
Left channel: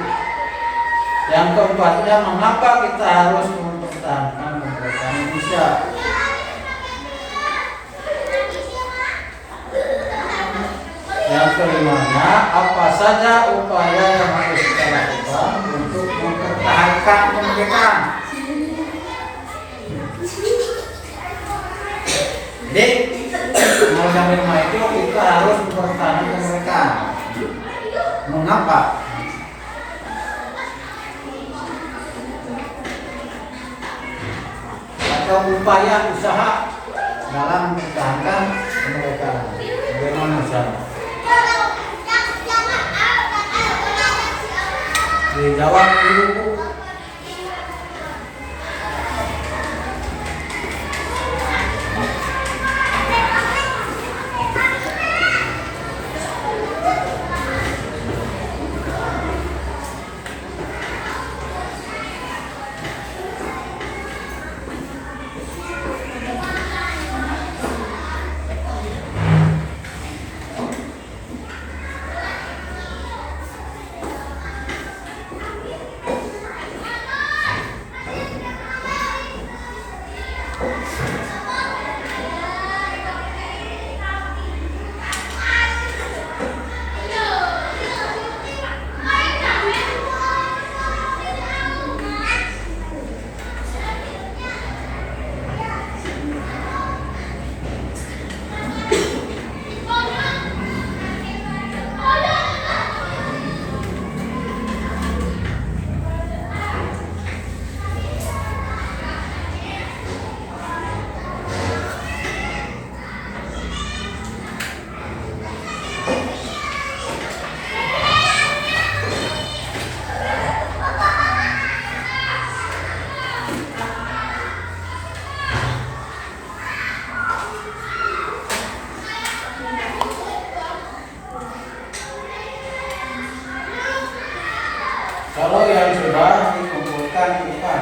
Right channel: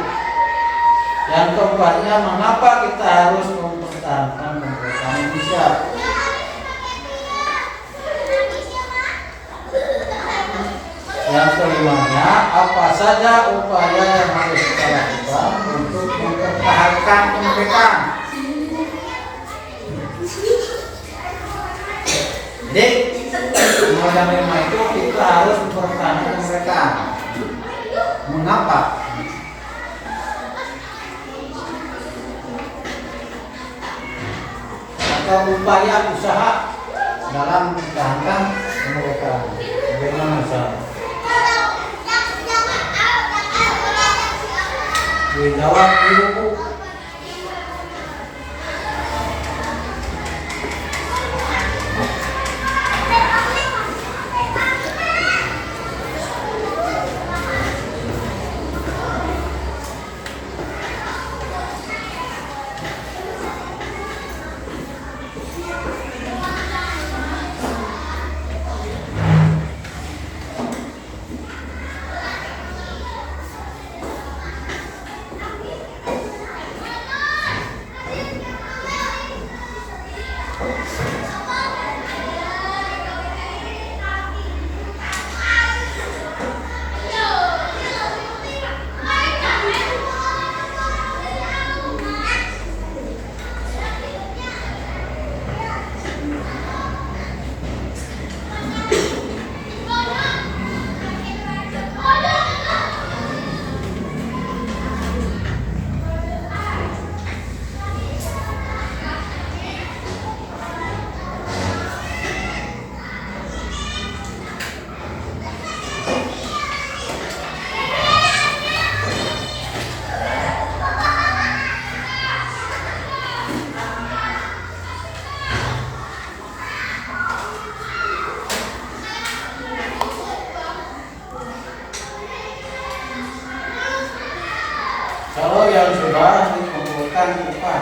Yang keempatnya, mengapa kita harus mempertahankan kemerdekaan Indonesia. Yang kelimanya, apa saja upaya yang harus kita lakukan untuk mempertahankan kemerdekaan. Jadi, yang 5 itu kita harus mempertahankan kemerdekaan. Mengapa? Atau upaya usaha dalam mempertahankan kemerdekaan. Bagaimana usaha? Dijawab dulu. Kalau yang sudah dikumpulkan depan.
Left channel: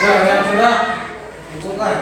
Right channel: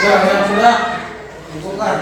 Nah, yang sudah kumpulkan.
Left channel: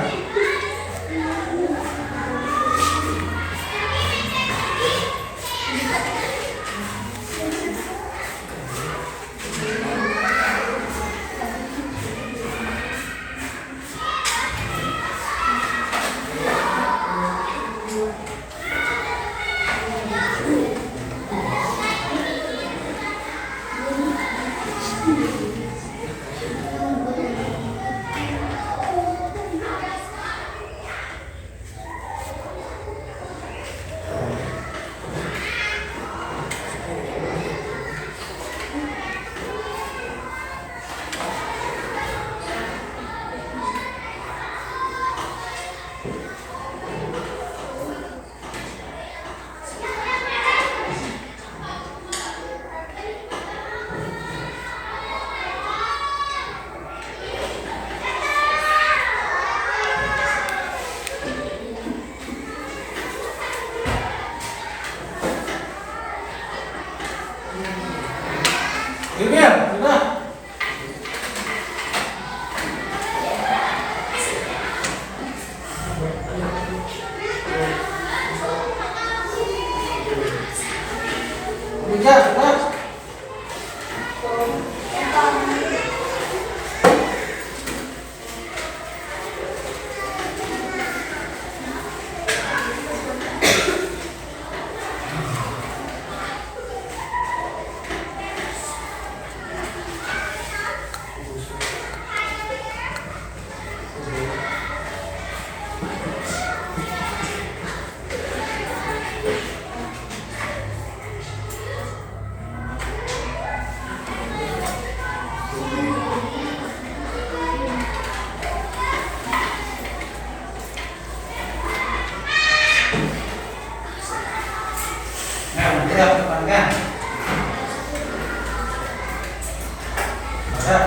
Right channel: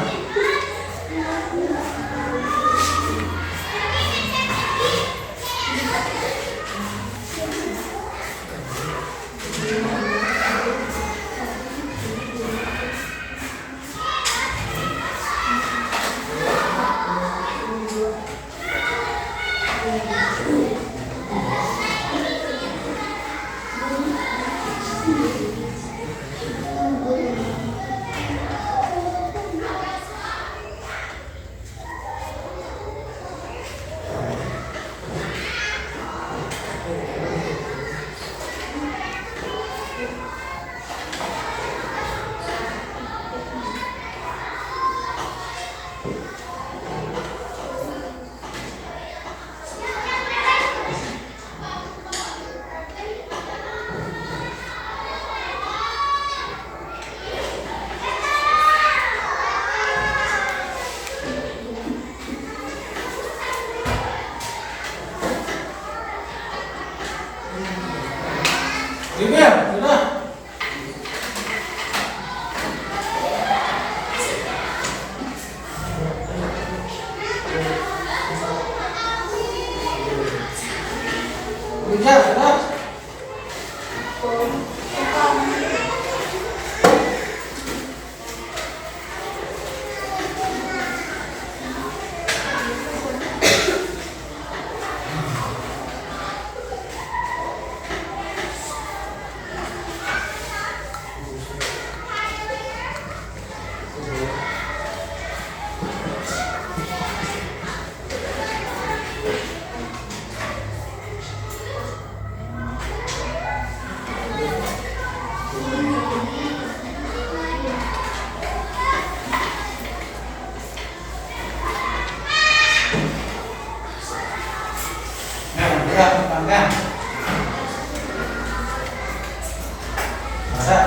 Ya.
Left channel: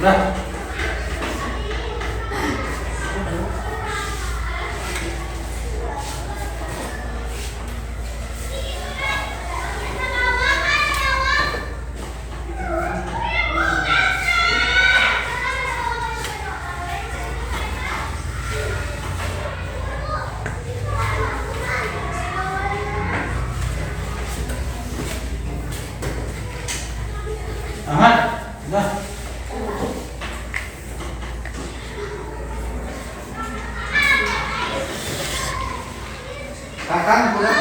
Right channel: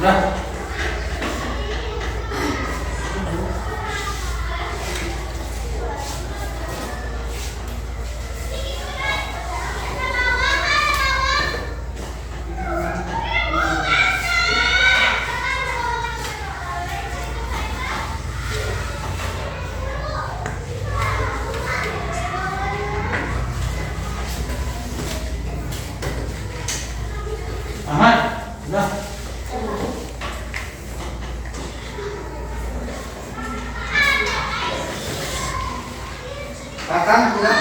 Udah. Aman? Udah. Kakang pulang.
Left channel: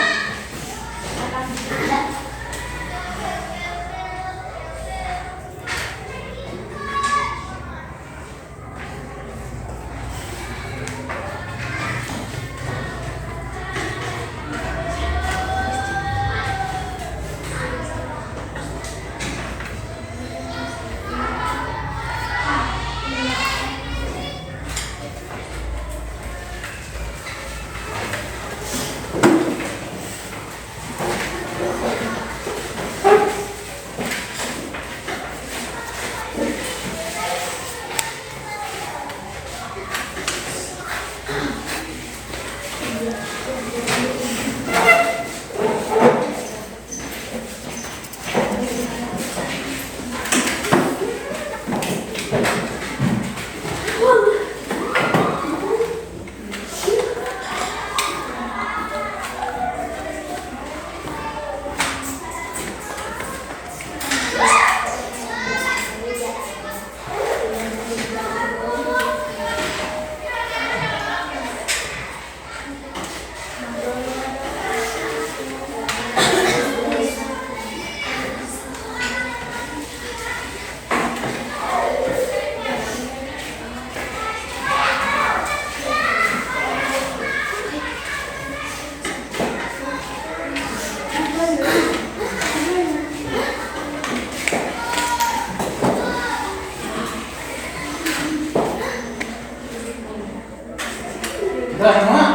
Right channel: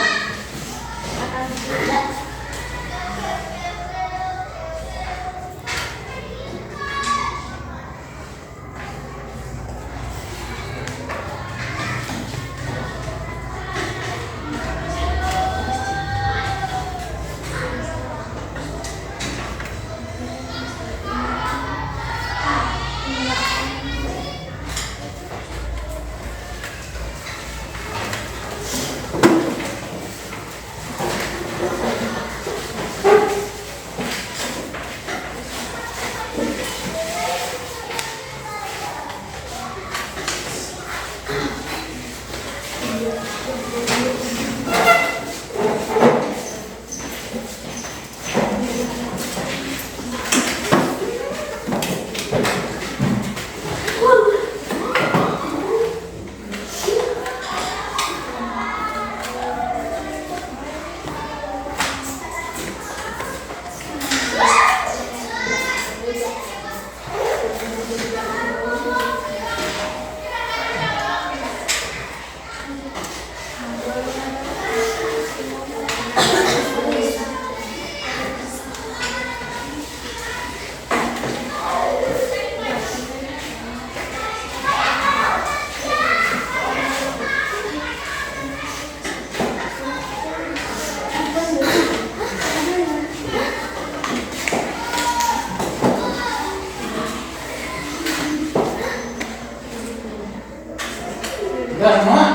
Udah semua?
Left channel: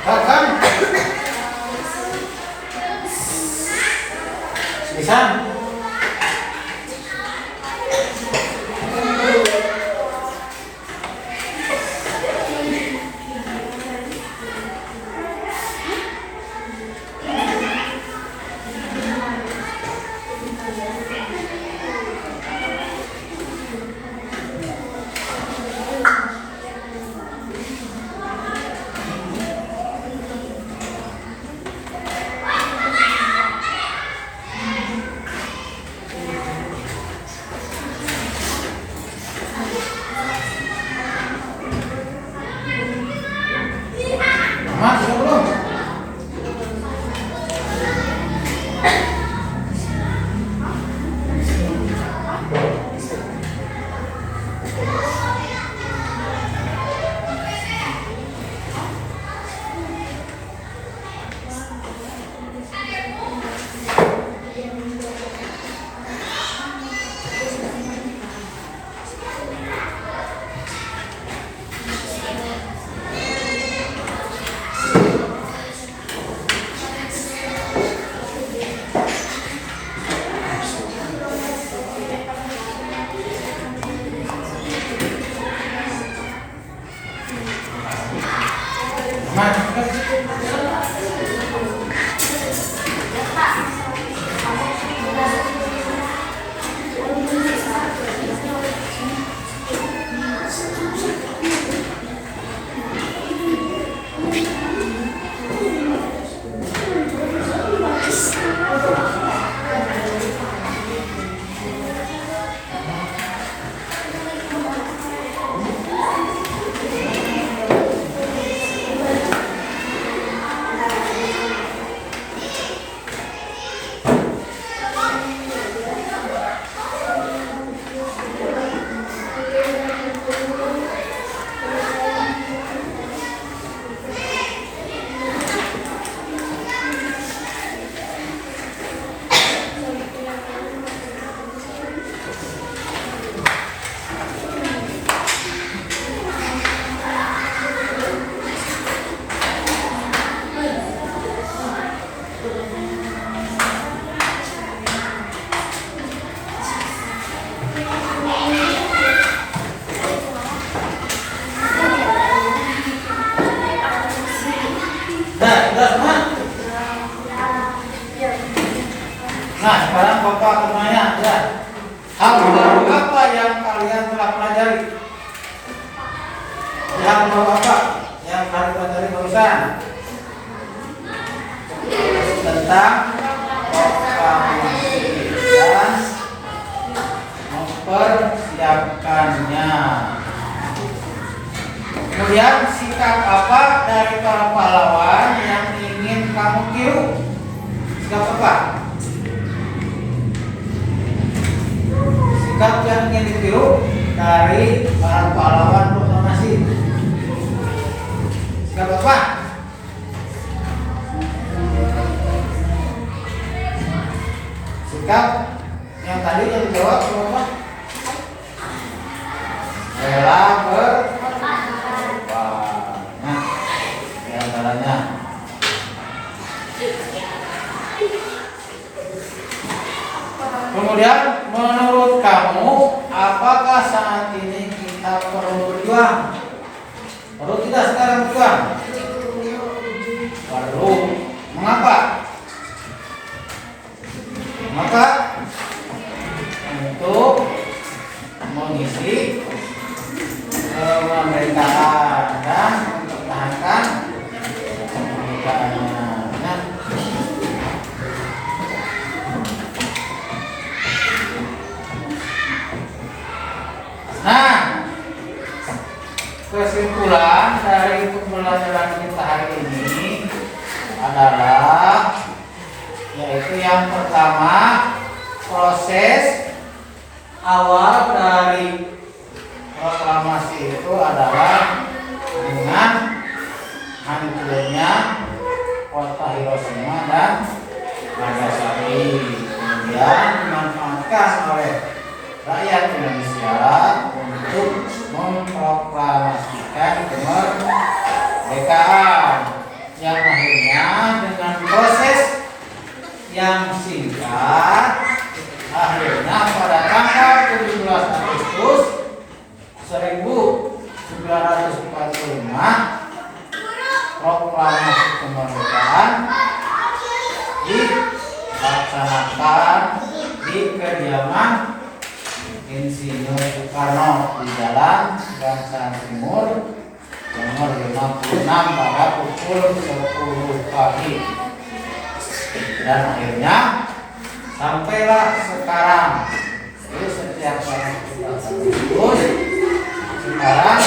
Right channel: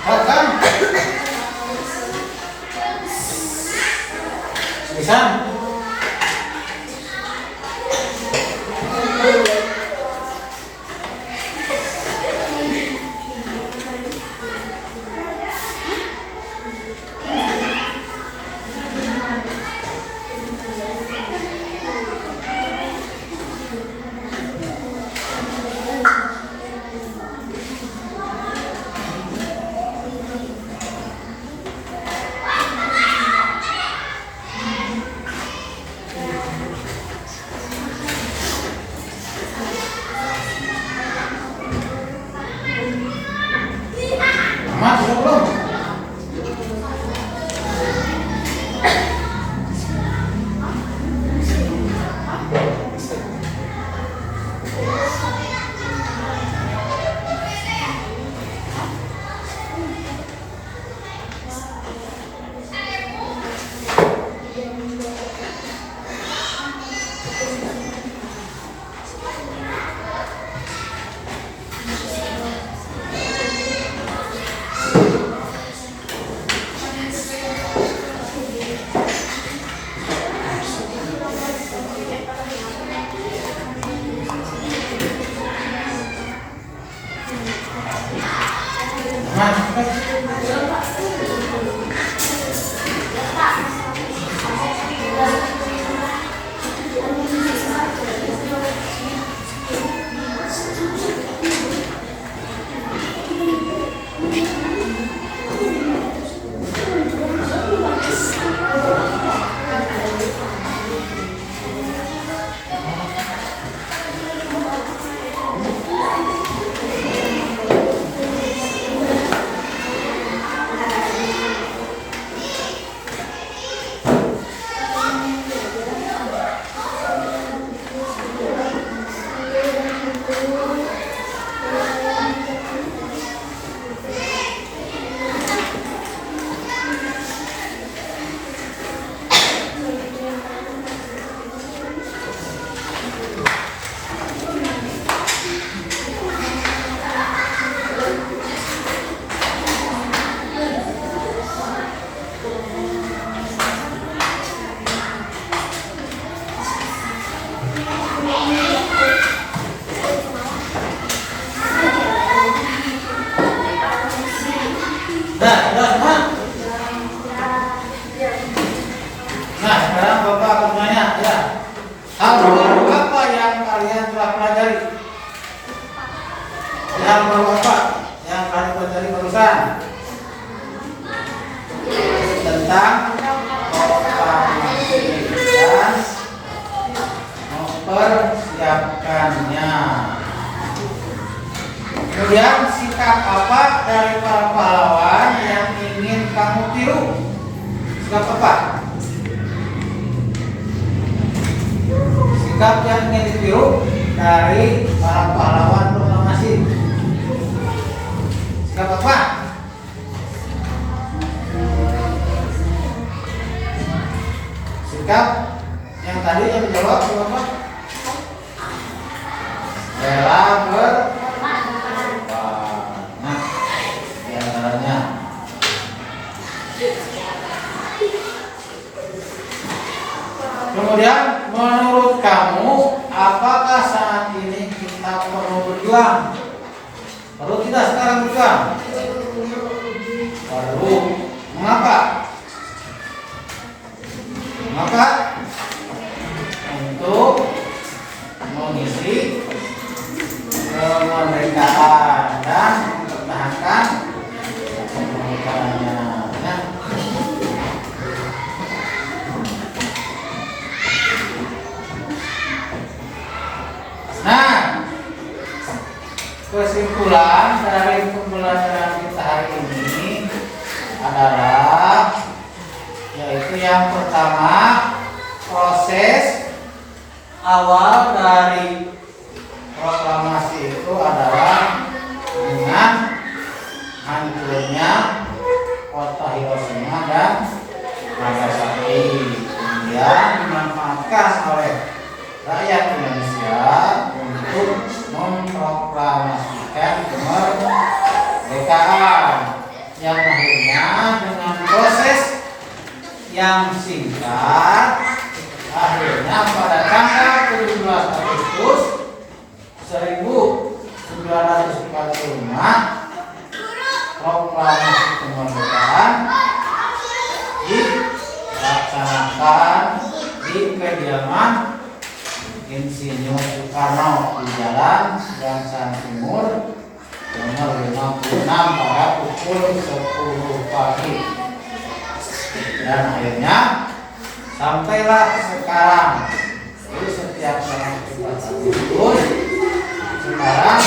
Kakang. Bisa? Mas, sudah belum? Nah, sekarang Bapak akan nanya, ya. Hal baru apa yang kalian telah pelajari? Hal baru apa yang kalian pelajari barusan? Tentang proklamasi dan mempersiapkannya. Kemudian sikap apa dari para pahlawan yang ingin kamu tiru? Sikap apa? Sikap yang ingin ditiru dari para pahlawan proklamasi. Sikap apa? Sikap yang tadi yang dijawab apa? Rela nah, di antaranya. Kemudian menurut kamu apakah saat ini kita perlu berjuang? Perlu tidak sekarang berjuang? Perlu. Mengapa? Mengapa? Untuk mengisi kemerdekaan dan mempertahankan kemerdekaannya. Nah, kesimpulan dari pembelajaran kita hari ini adalah yaitu yang pertama, proses awal dari proklamasi itu adalah dengan hancurnya kota Hiroshima dan Nagasaki, kemudian dimanfaatkan oleh rakyat Indonesia untuk memproklamasikan kemerdekaan yang akhirnya dengan proses yang singkat akhirnya pada tanggal 17 Agustus 1945 proklamasi kemerdekaan dilaksanakan di kediaman Insinyur Soekarno di Jalan Gangsaan Timur nomor 56 pada pukul 10 pagi. Dan akhirnya sampailah sekarang. Jadi setiap tanggal 17 Agustus sekarang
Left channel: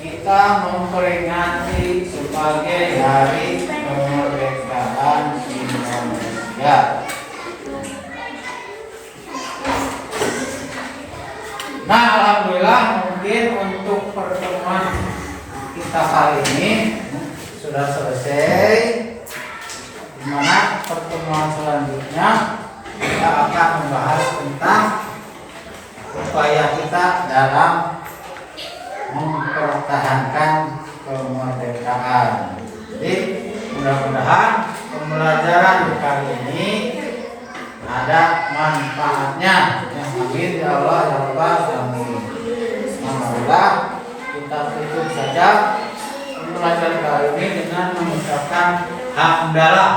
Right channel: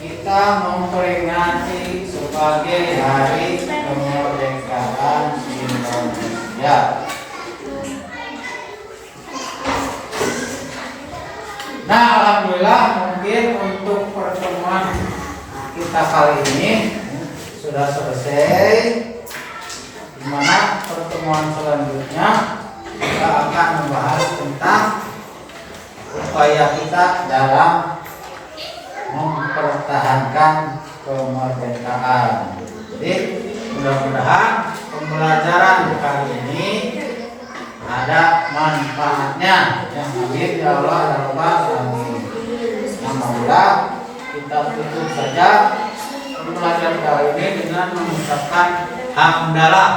kita memperingati sebagai Hari Kemerdekaan Indonesia. Nah, alhamdulillah mungkin untuk pertemuan kita kali ini sudah selesai. Di mana pertemuan selanjutnya kita akan membahas tentang upaya kita dalam mempertahankan kemerdekaan. Jadi mudah-mudahan pembelajaran kali ini ada manfaatnya. Yang amin ya Allah ya Rabbal alamin. Alhamdulillah, kita tutup saja pembelajaran kali ini dengan mengucapkan hamdalah.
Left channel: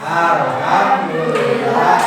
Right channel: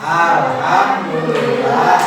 Alhamdulillah.